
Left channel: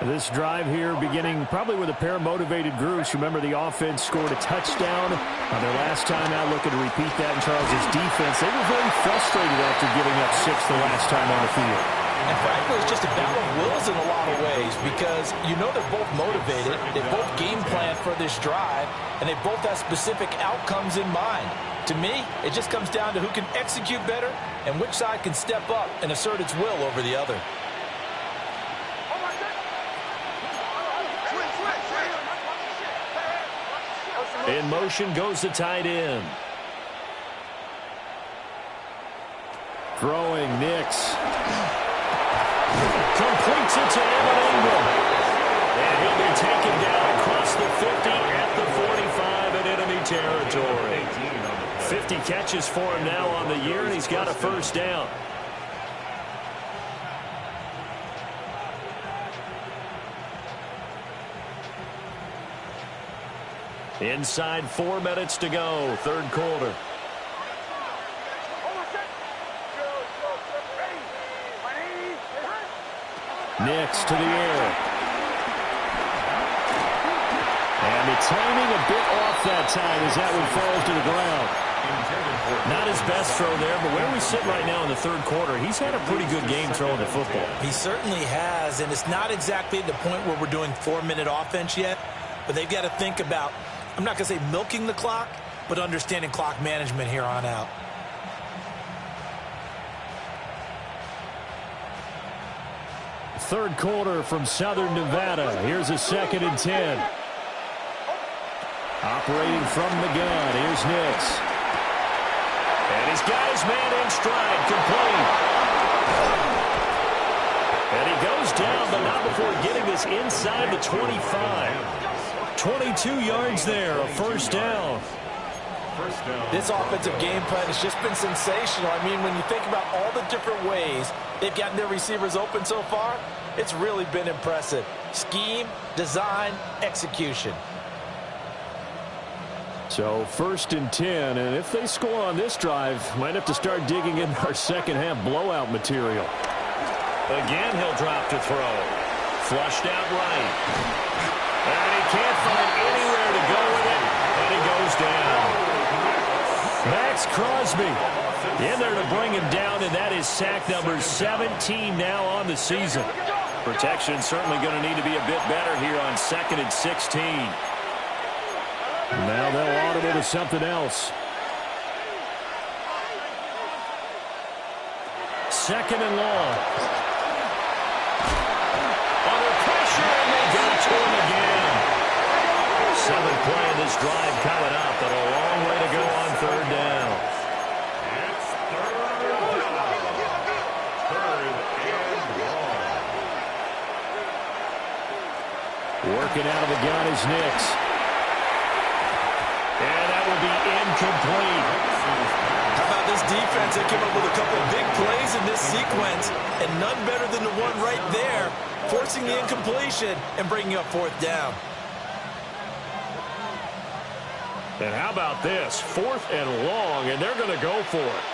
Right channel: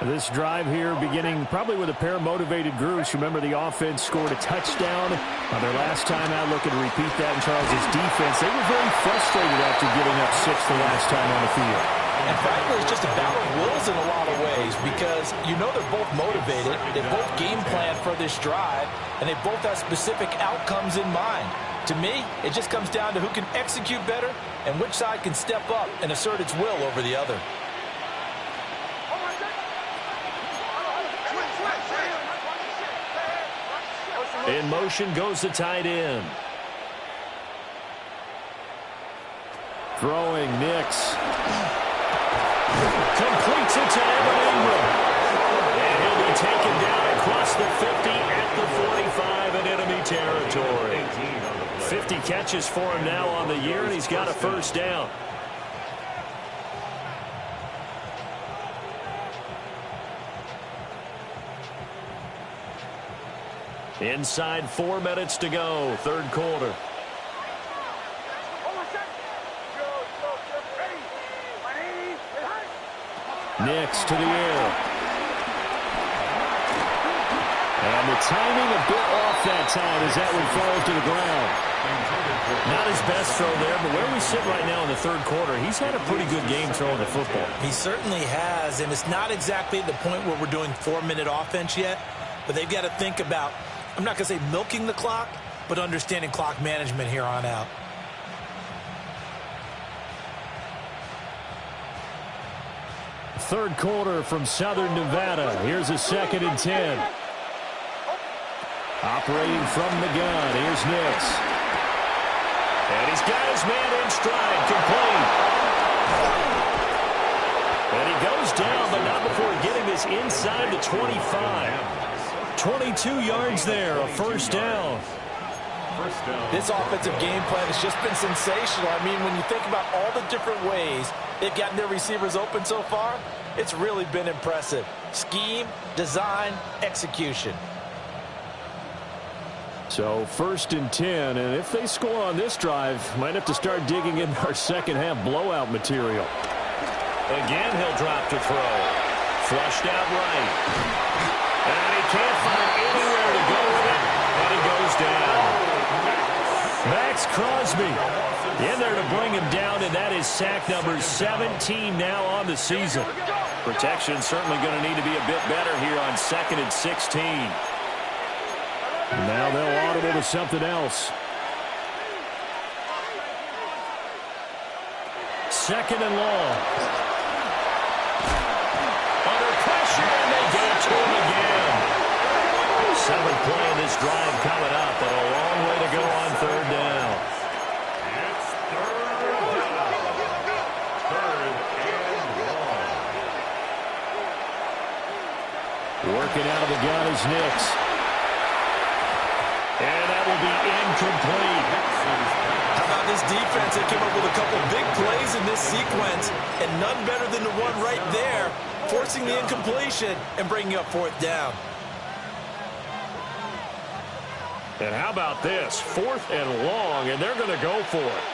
This drive here beginning probably with a pair of motivated groups. Remember, the offense scored a touchdown on their last time out, looking to repeat that in Charles' defense. They were very frustrated after giving up 6 the last time on the field. And frankly, it's just a battle of wills in a lot of ways because you know they're both motivated, they both game plan for this drive, and they both have specific outcomes in mind. To me, it just comes down to who can execute better and which side can step up and assert its will over the other. In motion goes the tight end. Throwing Nix. Completes it to Evan Ingram. And he'll be taken down across the 50 at the 45 in enemy territory. 50 catches for him now on the year, and he's got a first down. Inside 4 minutes to go, 3rd quarter. Nix to the air. And the timing a bit off that time as that one falls to the ground. Not his best throw there, but where we sit right now in the 3rd quarter, he's had a pretty good game throwing the football. He certainly has, and it's not exactly at the point where we're doing 4-minute offense yet, but they've got to think about, I'm not going to say milking the clock, but understanding clock management here on out. Third quarter from Southern Nevada. Here's a 2nd and 10. Operating from the gun. Here's Nix. And he's got his man in stride, complete. And he goes down, but not before getting this inside the 25. 22 yards there, a first down. This offensive game plan has just been sensational. I mean, when you think about all the different ways they've gotten their receivers open so far, it's really been impressive. Scheme, design, execution. So 1st and 10, and if they score on this drive, might have to start digging in our second half blowout material. Again, he'll drop to throw. Flushed out right. And he can't find anywhere to go with it, and he goes down. Max Crosby in there to bring him down, and that is sack number 17 now on the season. Protection certainly going to need to be a bit better here on 2nd and 16. Now they'll audible to something else. 2nd and long. Under pressure, and they get it to him again. 7th play in this drive coming up, and a long way to go on 3rd down. It's 3rd down. 3rd and long. Working out of the gun is Nix. And that will be incomplete. How about this defense? They came up with a couple of big plays in this sequence, and none better than the one right there, forcing the incompletion and bringing up 4th down. And how about this? 4th and long, and they're going to go for it.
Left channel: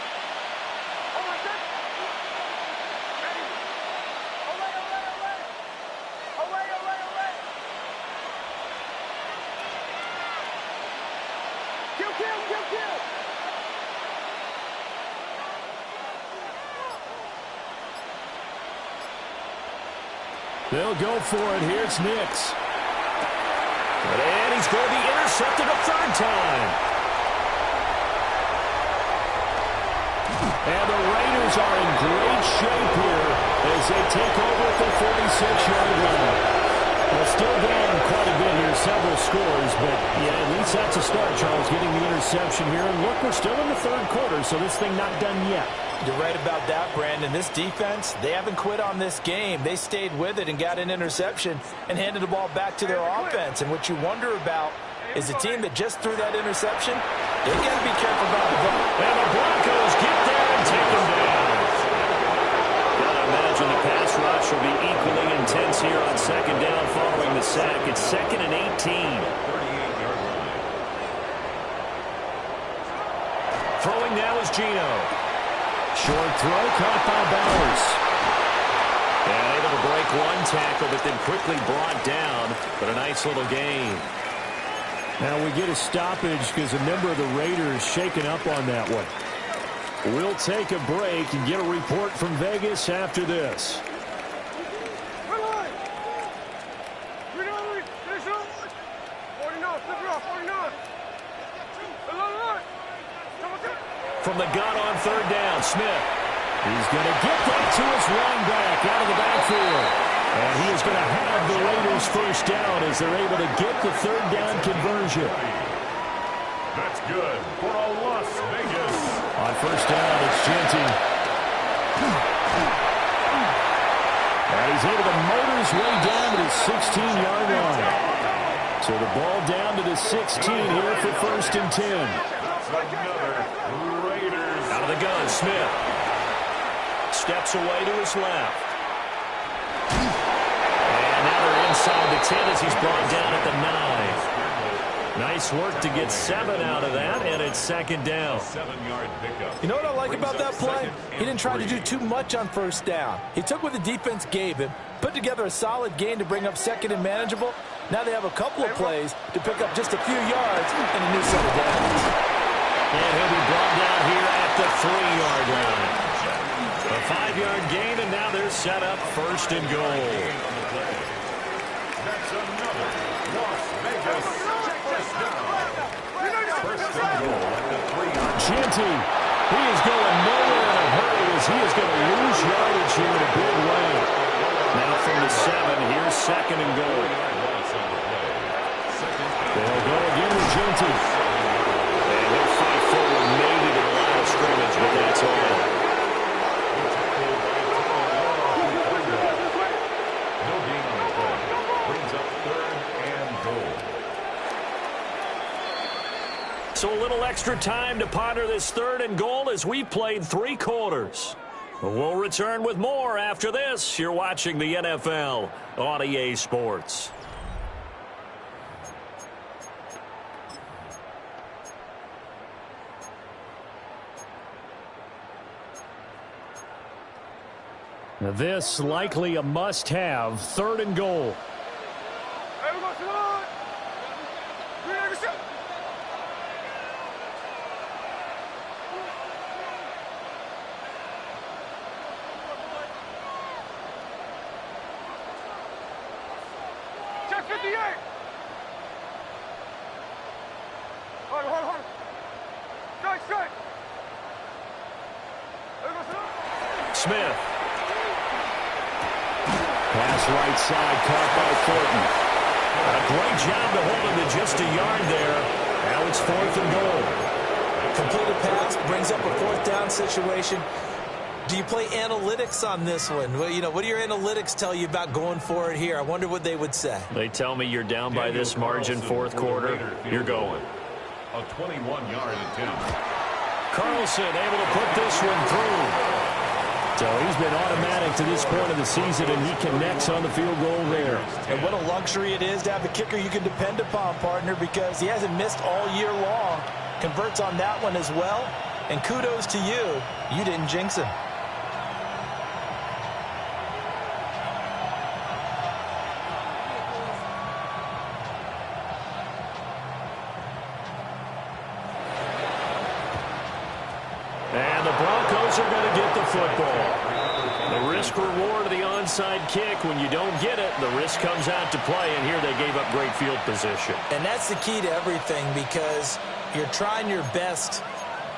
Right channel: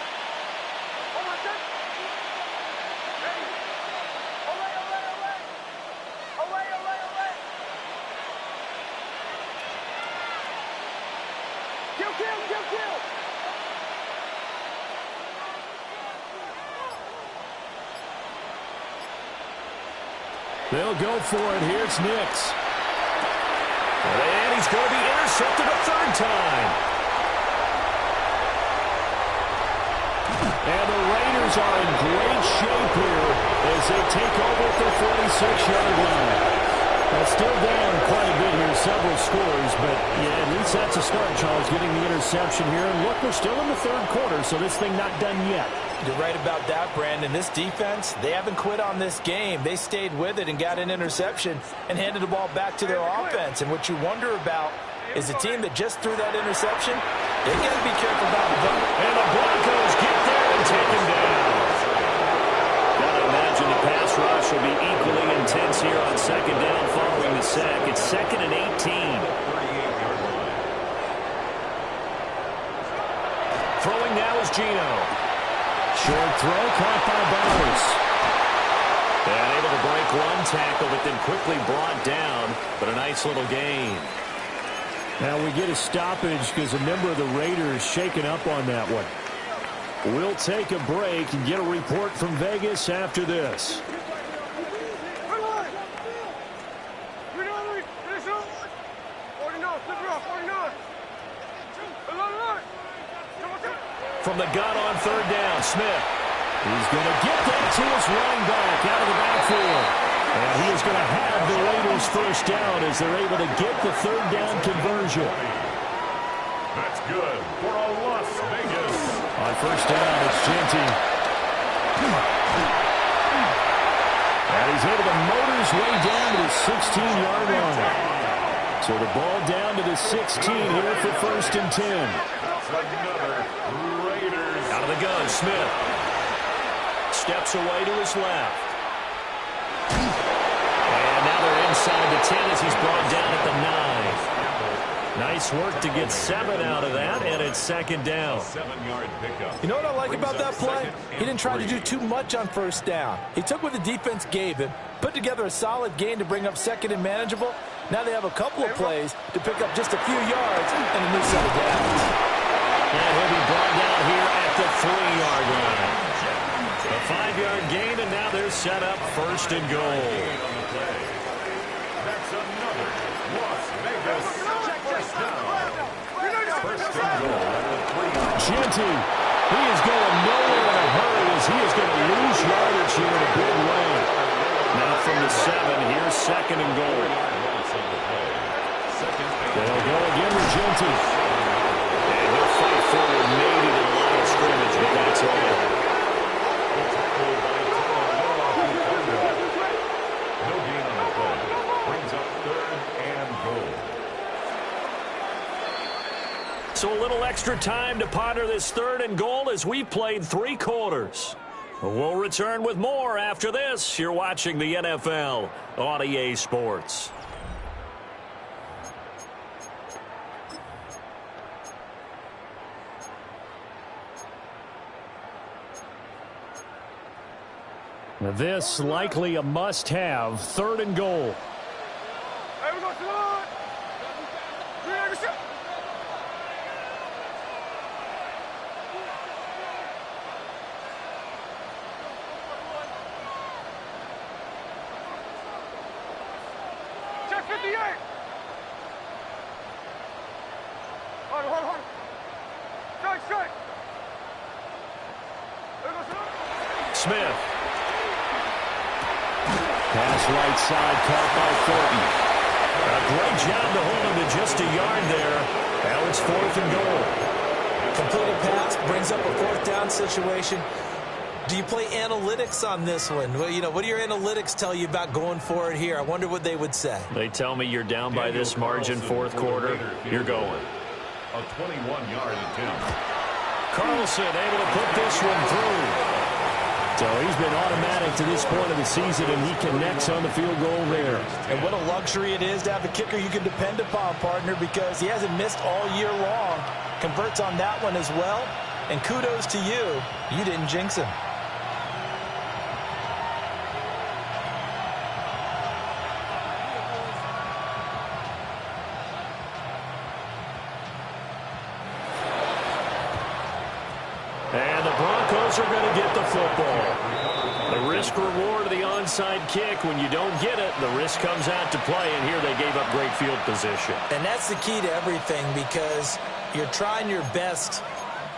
They'll go for it. Here's Nix. And he's going to be intercepted a 3rd time. And the Raiders are in great shape here as they take over at their 46-yard line. Well, still down quite a bit here, several scores, but yeah, at least that's a start, Charles, getting the interception here. And look, we're still in the 3rd quarter, so this thing not done yet. You're right about that, Brandon. This defense, they haven't quit on this game. They stayed with it and got an interception and handed the ball back to their offense. And what you wonder about is the team that just threw that interception, they got to be careful about the ball. And the Broncos get there and take him down. Got to imagine the pass rush will be equally intense here on 2nd down following the sack. It's 2nd and 18. 38-yard line. Throwing now is Geno. Short throw caught by Bowers. And able to break one tackle, but then quickly brought down. But a nice little gain. Now we get a stoppage because a member of the Raiders shaken up on that one. We'll take a break and get a report from Vegas after this. From the gun on 3rd down, Smith. He's going to get that to his running back out of the backfield. And he is going to have the Raiders 1st down as they're able to get the 3rd down conversion. That's good for a Las Vegas. On 1st down, it's Genty. And he's able to motor his way down to the 16-yard line. So the ball down to the 16 here for 1st and 10. That's another Raiders. Out of the gun, Smith. Steps away to his left. And now they're inside the 10 as he's brought down at the 9. Nice work to get 7 out of that, and it's 2nd down. 7-yard pickup. You know what I like about that play? He didn't try to do too much on 1st down. He took what the defense gave him, put together a solid gain to bring up 2nd and manageable. Now they have a couple of plays to pick up just a few yards and a new set of downs. And he'll be brought down here at the 3-yard line. A 5-yard gain, and now they're set up 1st and goal. On the play. That's another Las Vegas 1st down. 1st and goal at the 3-yard. Genty, he is going nowhere in a hurry as he is going to lose yardage here in a big way. Now from the 7, here's 2nd and goal. They'll go again with Genty. And he'll fight forward maybe to the line of scrimmage, but that's all. No gain on the play. Brings up 3rd and goal. So a little extra time to ponder this 3rd and goal as we played 3 quarters. We'll return with more after this. You're watching the NFL on EA Sports. This likely a must-have 3rd and goal. Hey, we go to the check 58. Hold. Strike. Smith. Pass right side, caught by Thornton. A great job to hold him to just a yard there. Now it's 4th and goal. Completed pass brings up a 4th down situation. Do you play analytics on this one? Well, what do your analytics tell you about going for it here? I wonder what they would say. They tell me you're down by this margin 4th quarter. You're going. A 21-yard attempt. Carlson able to put this one through. So he's been automatic to this point of the season, and he connects on the field goal there. And what a luxury it is to have a kicker you can depend upon, partner, because he hasn't missed all year long. Converts on that one as well. And kudos to you. You didn't jinx him. And the Broncos are going to get the football. The risk-reward of the onside kick. When you don't get it, the risk comes out to play, and here they gave up great field position. And that's the key to everything, because you're trying your best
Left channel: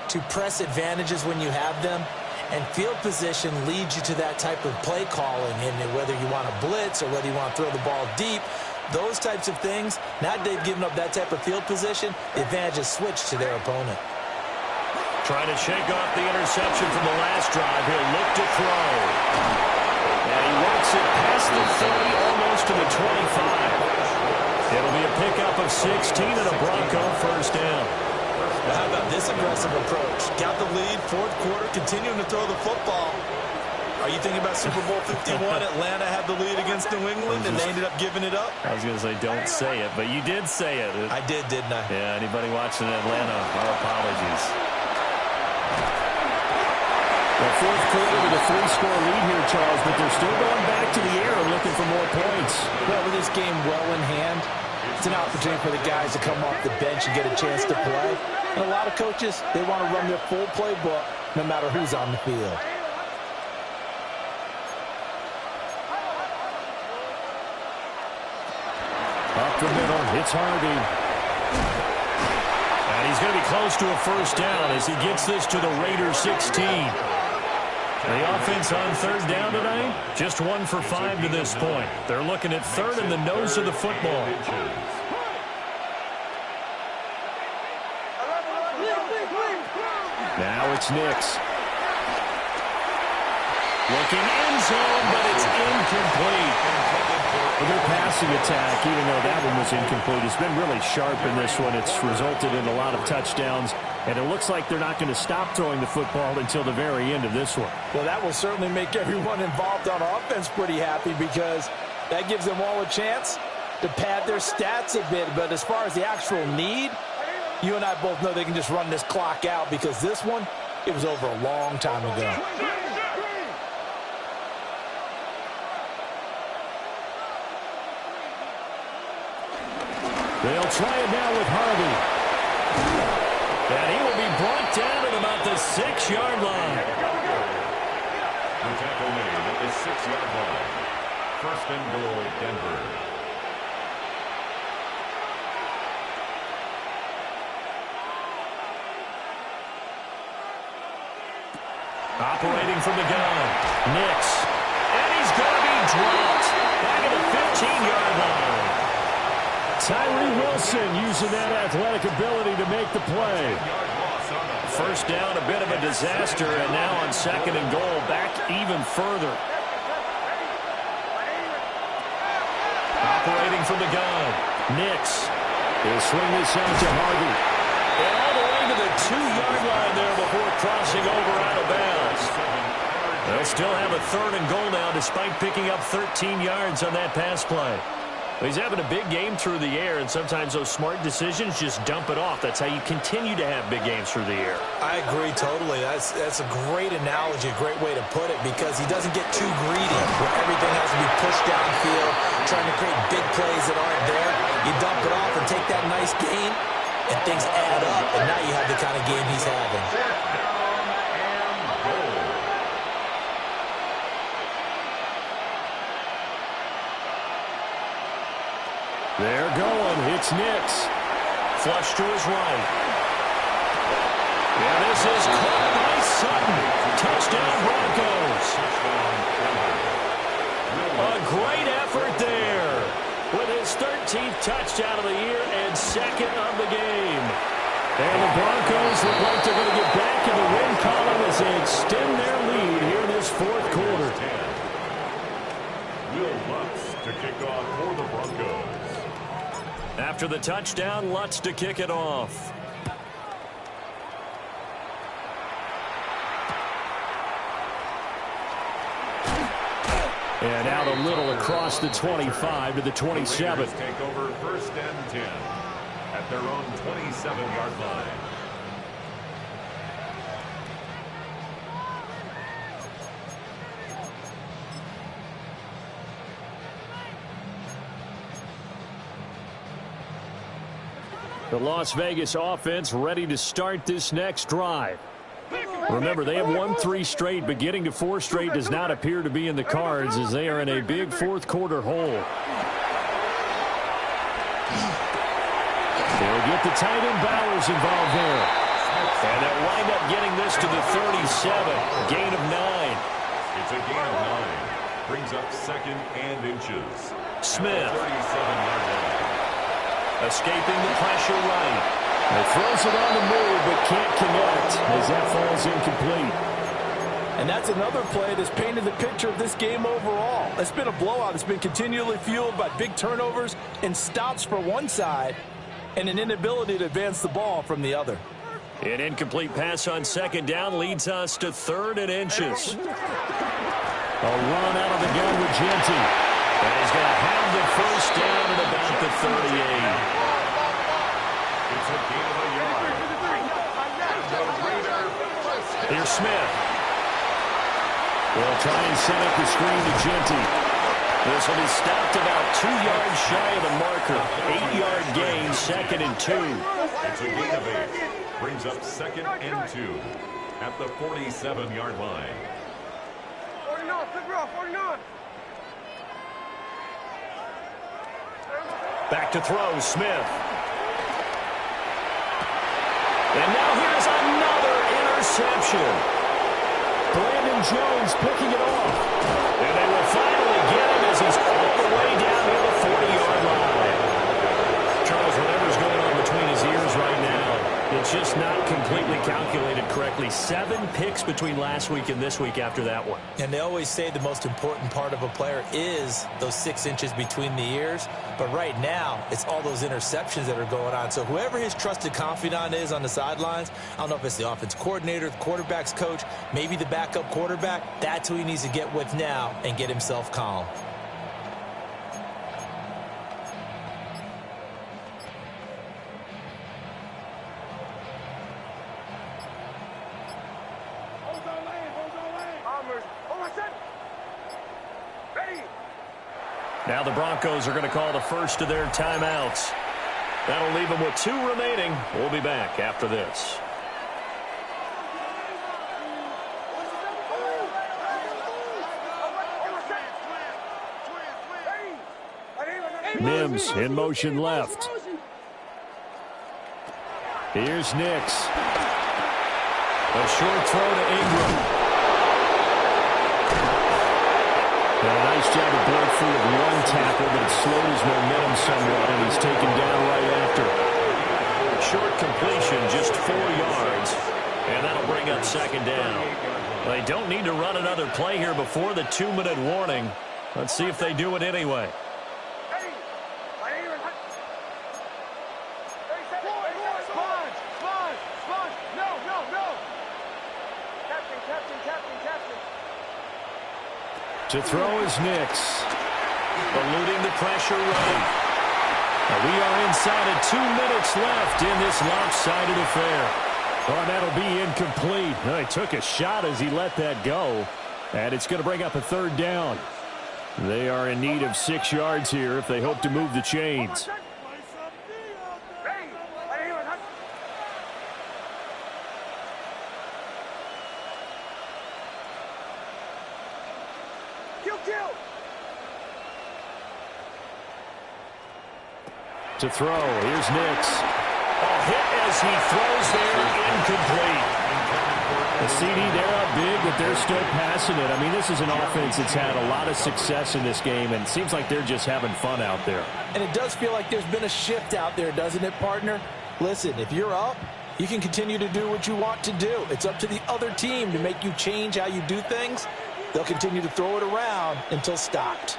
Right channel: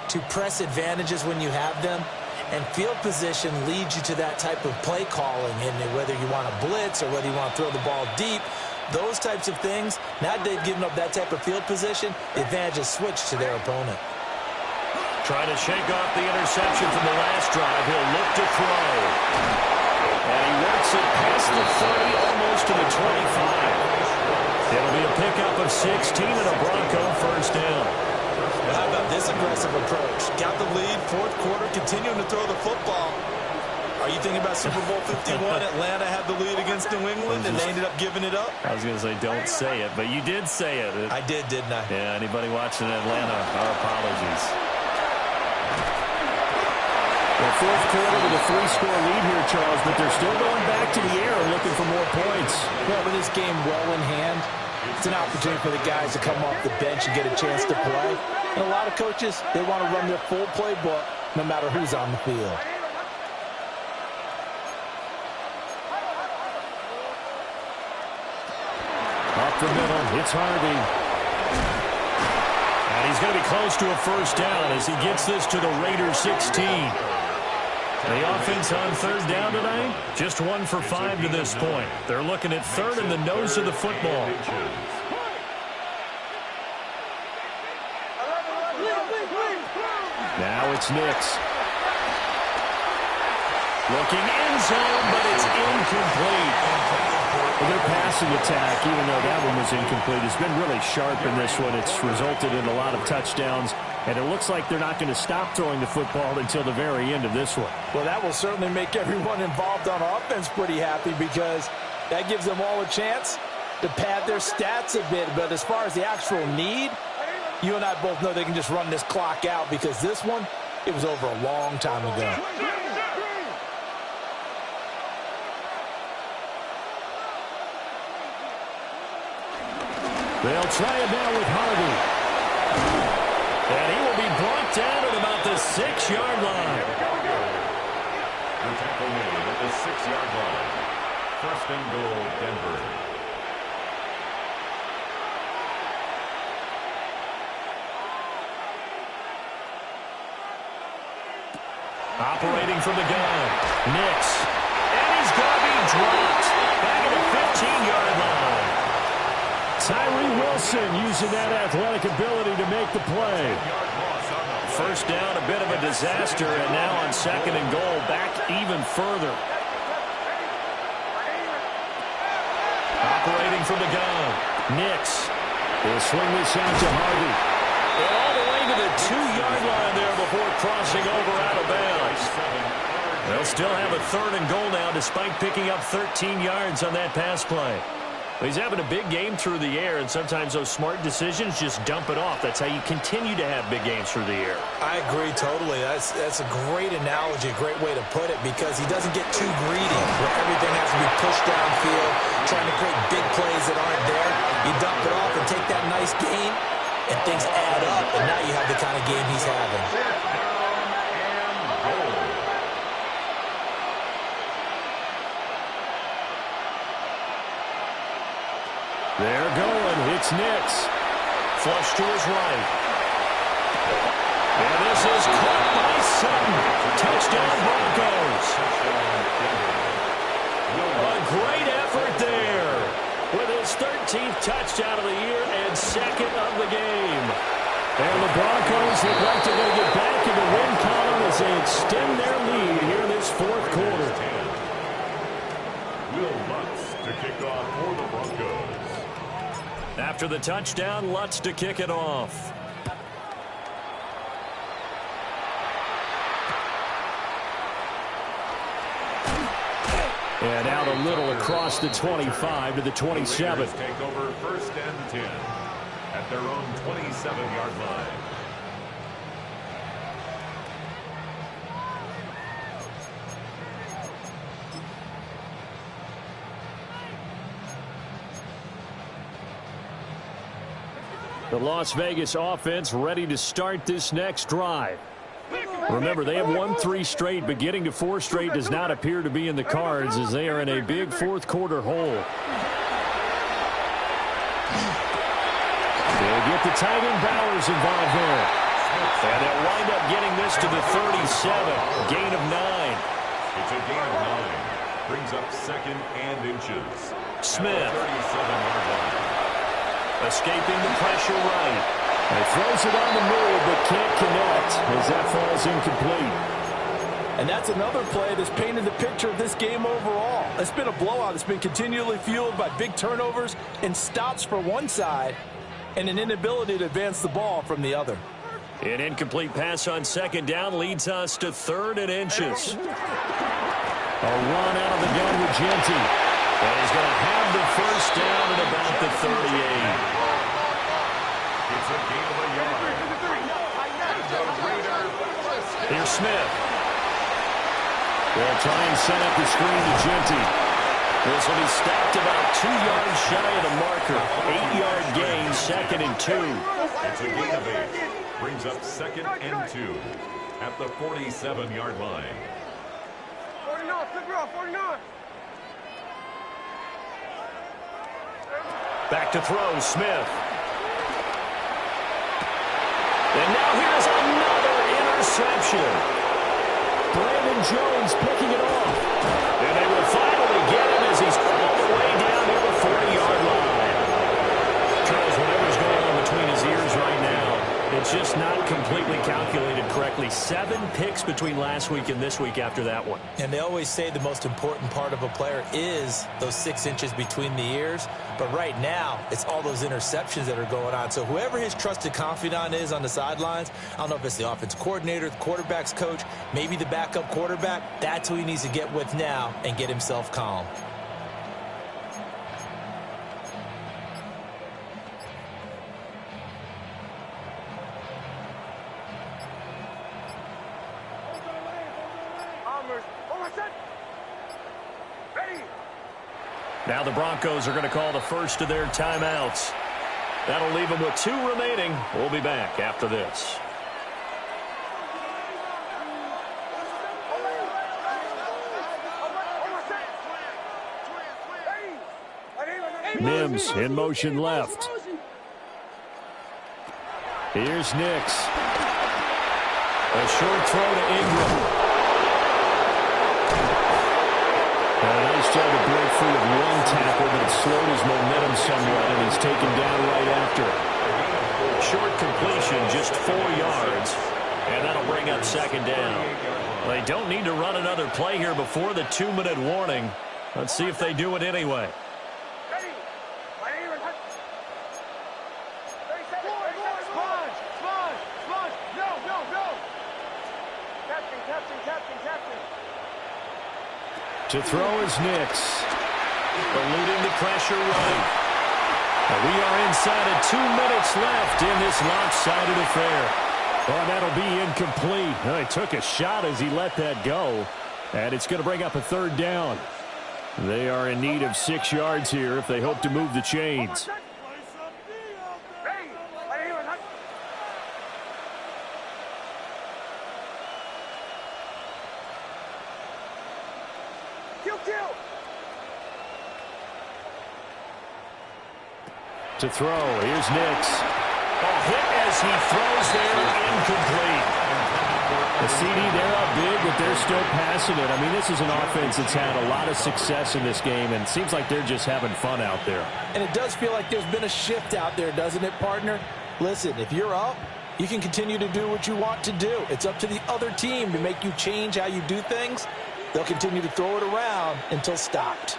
to press advantages when you have them, and field position leads you to that type of play calling. And whether you want to blitz or whether you want to throw the ball deep, those types of things, now that they've given up that type of field position, the advantage is switched to their opponent. Trying to shake off the interception from the last drive. He'll look to throw. And he works it past the 30, almost to the 25. It'll be a pickup of 16 and a Bronco first down. Well, how about this aggressive approach? Got the lead, fourth quarter, continuing to throw the football. Are you thinking about Super Bowl 51? Atlanta had the lead against New England, and they ended up giving it up? I was going to say, don't say it, but you did say it. I did, didn't I? Yeah, anybody watching Atlanta, our apologies. Well, fourth quarter with a 3-score lead here, Charles, but they're still going back to the air and looking for more points. Well, with this game well in hand, it's an opportunity for the guys to come off the bench and get a chance to play. And a lot of coaches, they want to run their full playbook no matter who's on the field. Up the middle, it's Harvey. And he's going to be close to a first down as he gets this to the Raiders 16. The offense on third down tonight, just 1 for 5 to this point. They're looking at third in the nose of the football. Now it's Nix. Looking end zone, but it's incomplete. Their passing attack, even though that one was incomplete, has been really sharp in this one. It's resulted in a lot of touchdowns, and it looks like they're not going to stop throwing the football until the very end of this one. Well, that will certainly make everyone involved on offense pretty happy, because that gives them all a chance to pad their stats a bit. But as far as the actual need, you and I both know they can just run this clock out, because this one, it was over a long time ago. They'll try it now with Harvey. And he will be brought down at about the 6-yard line. The tackle made at the 6-yard line. First and goal, Denver. Operating from the gun. Nix. And he's going to be dropped back at the 15-yard line. Tyree Wilson using that athletic ability to make the play. First down, a bit of a disaster, and now on second and goal, back even further. Operating from the gun. Nix. He'll swing this out to Harvey. And all the way to the 2-yard line there before crossing over out of bounds. They'll still have a third and goal now, despite picking up 13 yards on that pass play. But he's having a big game through the air, and sometimes those smart decisions just dump it off. That's how you continue to have big games through the air. I agree totally. That's a great analogy, a great way to put it, because he doesn't get too greedy where everything has to be pushed downfield, trying to create big plays that aren't there. You dump it off and take that nice gain, and things add up, and now you have the kind of game he's having. They're going. It's Nix. Flush to his right. And this is caught by Sutton. Touchdown, Broncos. A great effort there with his 13th touchdown of the year and second of the game. And the Broncos look like they're going to get back in the win column as they extend their lead here in this fourth quarter. Will Lutz to kick off for the Broncos. After the touchdown, Lutz to kick it off. And out a little across the 25 to the 27. Take over 1st and 10 at their own 27-yard line. The Las Vegas offense ready to start this next drive. Remember, they have won 3 straight, but getting to 4 straight does not appear to be in the cards as they are in a big fourth-quarter hole. They'll get the tight end Bowers involved there. And they'll wind up getting this to the 37. Gain of 9. It's a gain of 9. Brings up 2nd and inches. Smith. 37-yard line. Escaping the pressure right. He throws it on the move, but can't connect as that falls incomplete. And that's another play that's painted the picture of this game overall. It's been a blowout. It's been continually fueled by big turnovers and stops for one side and an inability to advance the ball from the other. An incomplete pass on 2nd down leads us to 3rd and inches. A run out of the gun with Genty. And he's going to have the 1st down at about the 38. It's a gain of a yard. Here's Smith. They'll try and set up the screen to Genty. This will be stopped about 2 yards shy of the marker. 8-yard gain, 2nd and 2. It's a gain of 8. Brings up 2nd and 2 at the 47-yard line. 49, flip it off, 49. Back to throw, Smith. And now here's another interception. Brandon Jones picking it off. And they will finally get him as he's all the way down near the 40-yard line. Charles, whatever's going on between his ears right now, it's just not completely calculated correctly. 7 picks between last week and this week after that one. And they always say the most important part of a player is those 6 inches between the ears. But right now, it's all those interceptions that are going on. So whoever his trusted confidant is on the sidelines, I don't know if it's the offense coordinator, the quarterback's coach, maybe the backup quarterback, that's who he needs to get with now and get himself calm. Now the Broncos are going to call the first of their timeouts. That'll leave them with 2 remaining. We'll be back after this. Mims in motion left. Here's Nix. A short throw to Ingram. And a nice job to break free of 1 tackle, but it slowed his momentum somewhat, and he's taken down right after. Short completion, just 4 yards, and that'll bring up 2nd down. They don't need to run another play here before the 2-minute warning. Let's see if they do it anyway. To throw is Nix. Eluding the pressure right. And we are inside of 2 minutes left in this lopsided affair. Oh, that'll be incomplete. Oh, he took a shot as he let that go. And it's going to bring up a 3rd down. They are in need of 6 yards here if they hope to move the chains. To throw, here's Nix. A hit as he throws there, incomplete. The CD, they're up big, but they're still passing it. I mean, this is an offense that's had a lot of success in this game, and it seems like they're just having fun out there. And it does feel like there's been a shift out there, doesn't it, partner? Listen, if you're up, you can continue to do what you want to do. It's up to the other team to make you change how you do things. They'll continue to throw it around until stopped.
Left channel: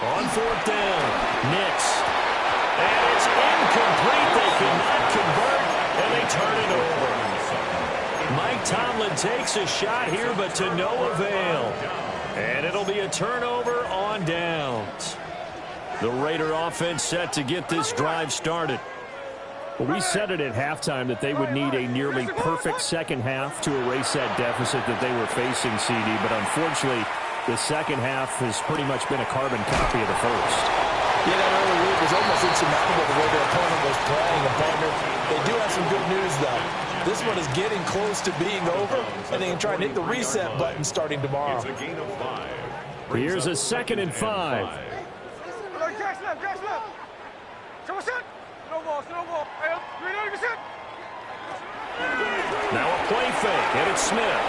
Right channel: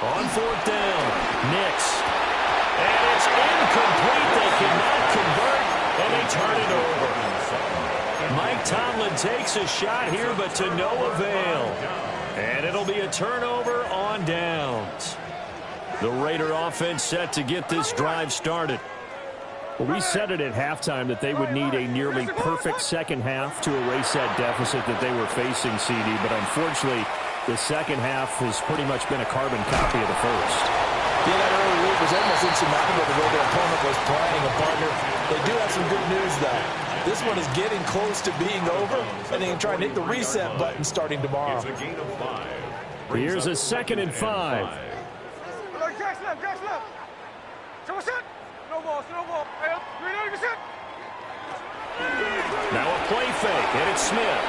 On 4th down, Nix. And it's incomplete. They cannot convert, and they turn it over. Mike Tomlin takes a shot here, but to no avail. And it'll be a turnover on downs. The Raider offense set to get this drive started. Well, we said it at halftime that they would need a nearly perfect second half to erase that deficit that they were facing, CD. But unfortunately, the second half has pretty much been a carbon copy of the first. Yeah, that early lead was almost insurmountable the way their opponent was playing. And, partner, they do have some good news, though. This one is getting close to being over, and they can try and hit the reset button starting tomorrow. It's a gain of 5. Here's a 2nd and 5. Now a play fake, and it's Smith.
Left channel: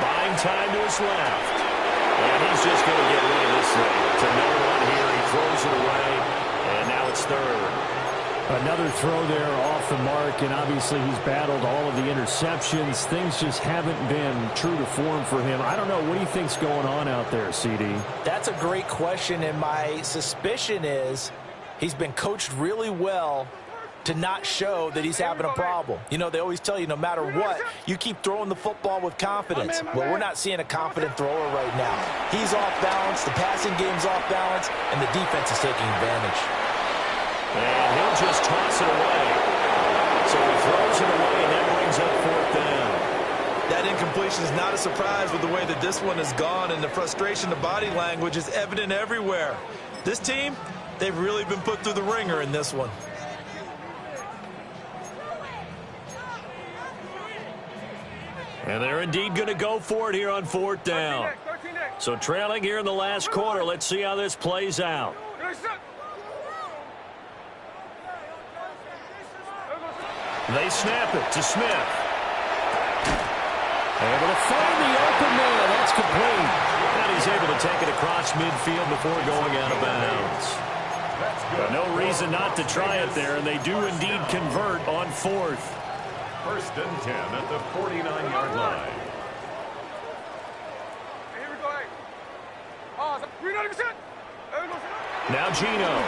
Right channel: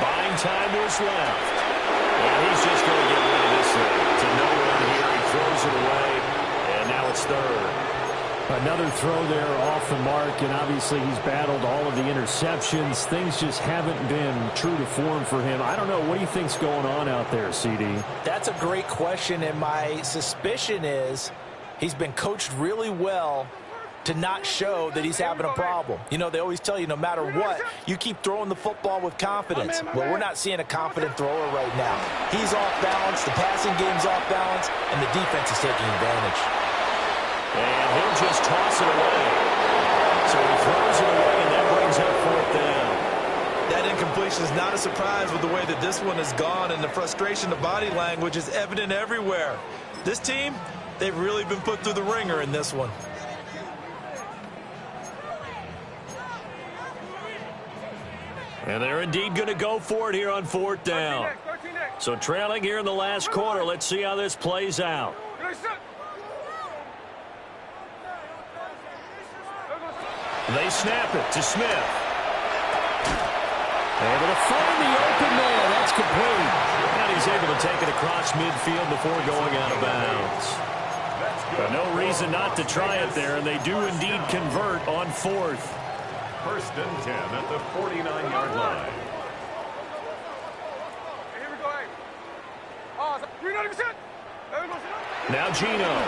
Buying time to his left. And he's just going to get rid of this thing. To no one here. He throws it away, and now it's 3rd. Another throw there off the mark, and obviously he's battled all of the interceptions. Things just haven't been true to form for him. I don't know. What do you think's going on out there, CD? That's a great question, and my suspicion is he's been coached really well to not show that he's having a problem. You know, they always tell you no matter what, you keep throwing the football with confidence. Well, we're not seeing a confident thrower right now. He's off balance, the passing game's off balance, and the defense is taking advantage. And he'll just toss it away. So he throws it away, and that brings up 4th down. That incompletion is not a surprise with the way that this one has gone, and the frustration, the body language is evident everywhere. This team, they've really been put through the ringer in this one. And they're indeed going to go for it here on 4th down. So trailing here in the last quarter. Let's see how this plays out. They snap it to Smith. Able to find the open man. That's complete. And he's able to take it across midfield before going out of bounds. No reason not to try it there, and they do indeed convert on 4th. 1st and 10 at the 49-yard line. Here we go. Now Gino.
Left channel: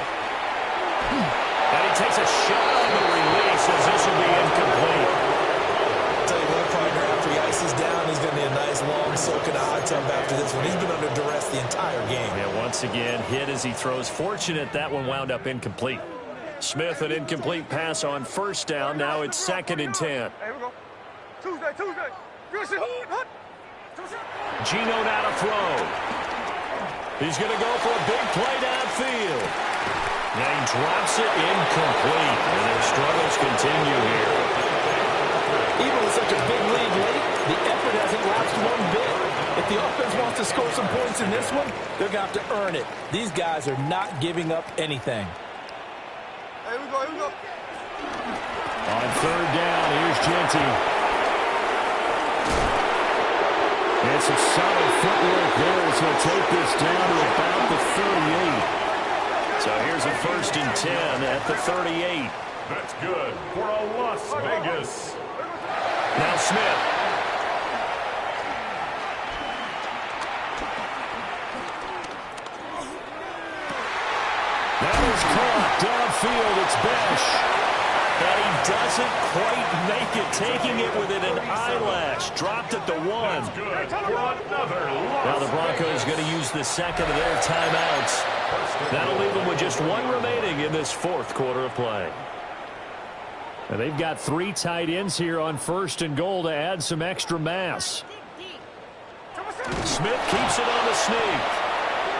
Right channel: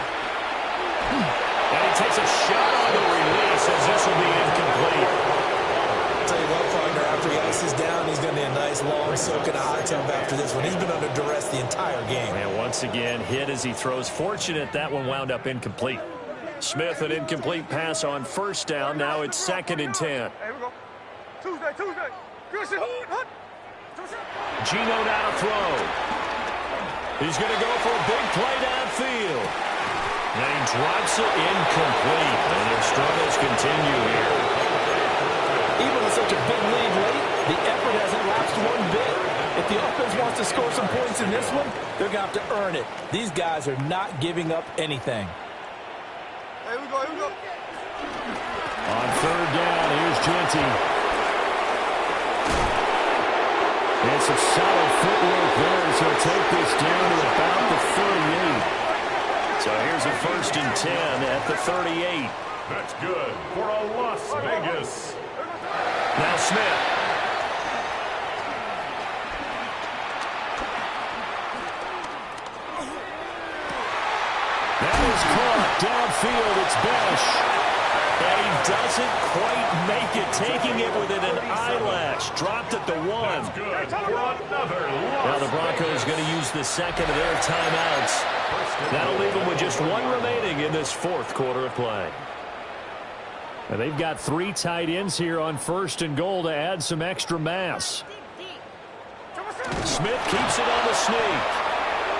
And he takes a shot on the release as this will be incomplete. I'll tell you what, partner, after he ices down, he's going to need a nice long soak in a hot tub after this one. He's been under duress the entire game. And once again, hit as he throws. Fortunate that one wound up incomplete. Smith, an incomplete pass on 1st down. Now it's 2nd and 10. Here we go. Tuesday. Gino now to throw. He's going to go for a big play downfield. And he drops it incomplete. And their struggles continue here. Even with such a big lead late, the effort hasn't lapsed one bit. If the offense wants to score some points in this one, they're going to have to earn it. These guys are not giving up anything. Here we go. On 3rd down, here's Genty. And some solid footwork there, so take this down to about the 38. So here's a 1st and 10 at the 38. That's good for a Las Vegas. Now Smith. That is caught downfield. It's Besh. And he doesn't quite make it, taking it within an eyelash. Dropped at the 1. That's good for another Las Now the Broncos going to use the 2nd of their timeouts. That'll leave them with just 1 remaining in this 4th quarter of play. And they've got 3 tight ends here on 1st and goal to add some extra mass. Smith keeps it on the sneak.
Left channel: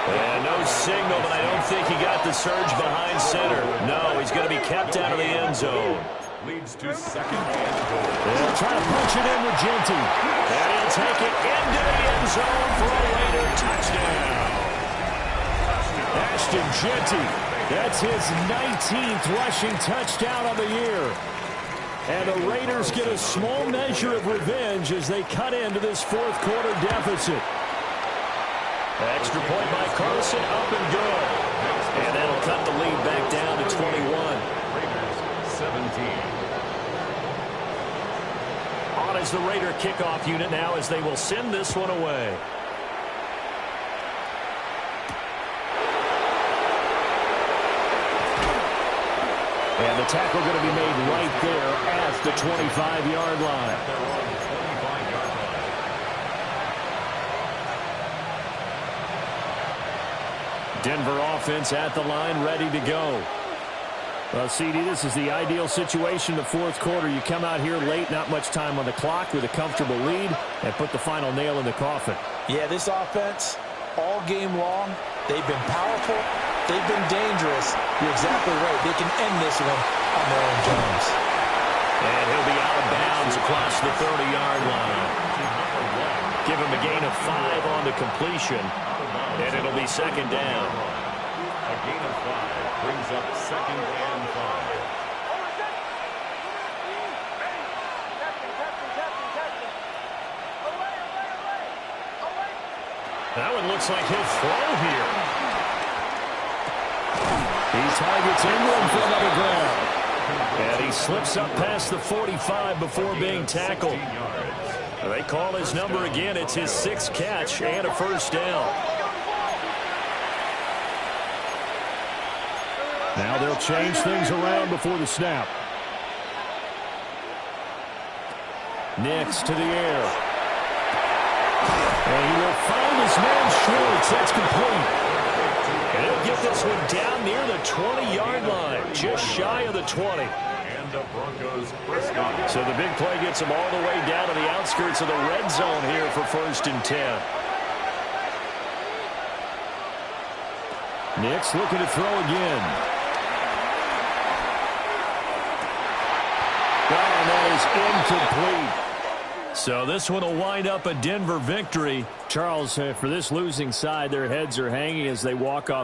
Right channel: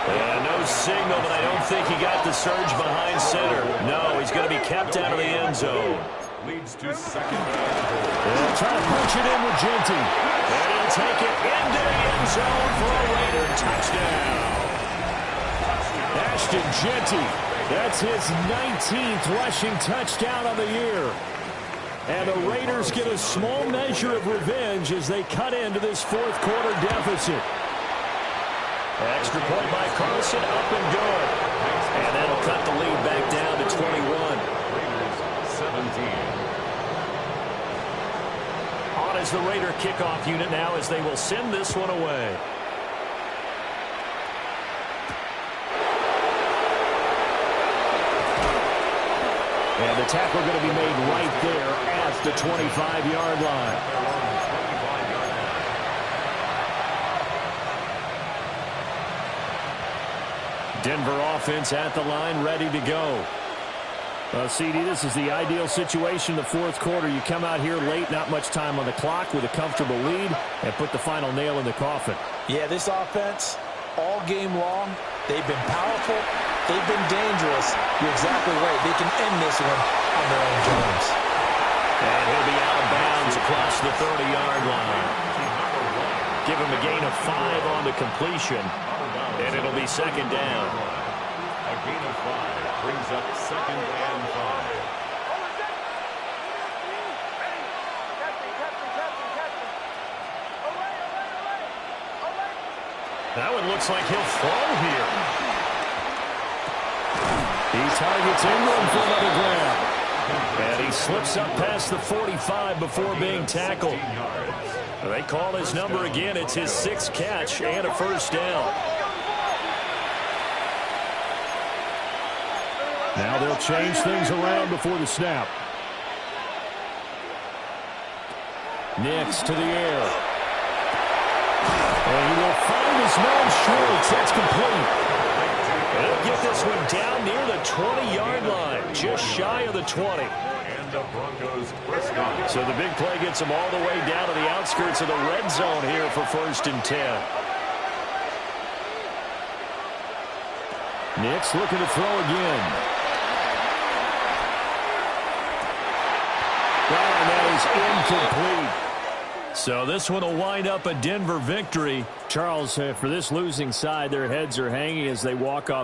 And no signal, but I don't think he got the surge behind center. No, he's going to be kept out of the end zone. Leads to 2nd and goal. They'll try to punch it in with Genty. And he'll take it into the end zone for a Raider touchdown. Ashton Genty. That's his 19th rushing touchdown of the year. And the Raiders get a small measure of revenge as they cut into this 4th quarter deficit. Extra point by Carlson, up and good. And that'll cut the lead back down to 21. Raiders 17. On is the Raider kickoff unit now as they will send this one away. And the tackle going to be made right there at the 25-yard line. They're on the 25-yard line. Denver offense at the line, ready to go. Well, CD, this is the ideal situation in the fourth quarter. You come out here late, not much time on the clock with a comfortable lead, and put the final nail in the coffin. Yeah, this offense, all game long, they've been powerful. They've been dangerous. You're exactly right. They can end this one on their own terms. And he'll be out of bounds across the 30-yard line. Give him a gain of 5 on the completion, and it'll be second down. A gain of 5 brings up second and 5. That one looks like he'll throw here. He targets Ingram for another grab. And he slips up past the 45 before being tackled. They call his number again. It's his 6th catch and a first down. Now they'll change things around before the snap. Nix to the air. And he will find his man Schwartz. That's complete. And he'll get this one down near the 20-yard line, just shy of the 20. And the Broncos first down. So the big play gets them all the way down to the outskirts of the red zone here for 1st and 10. Nix looking to throw again. Oh, and that is incomplete. So this one will wind up a Denver victory. Charles, for this losing side, their heads are hanging as they walk off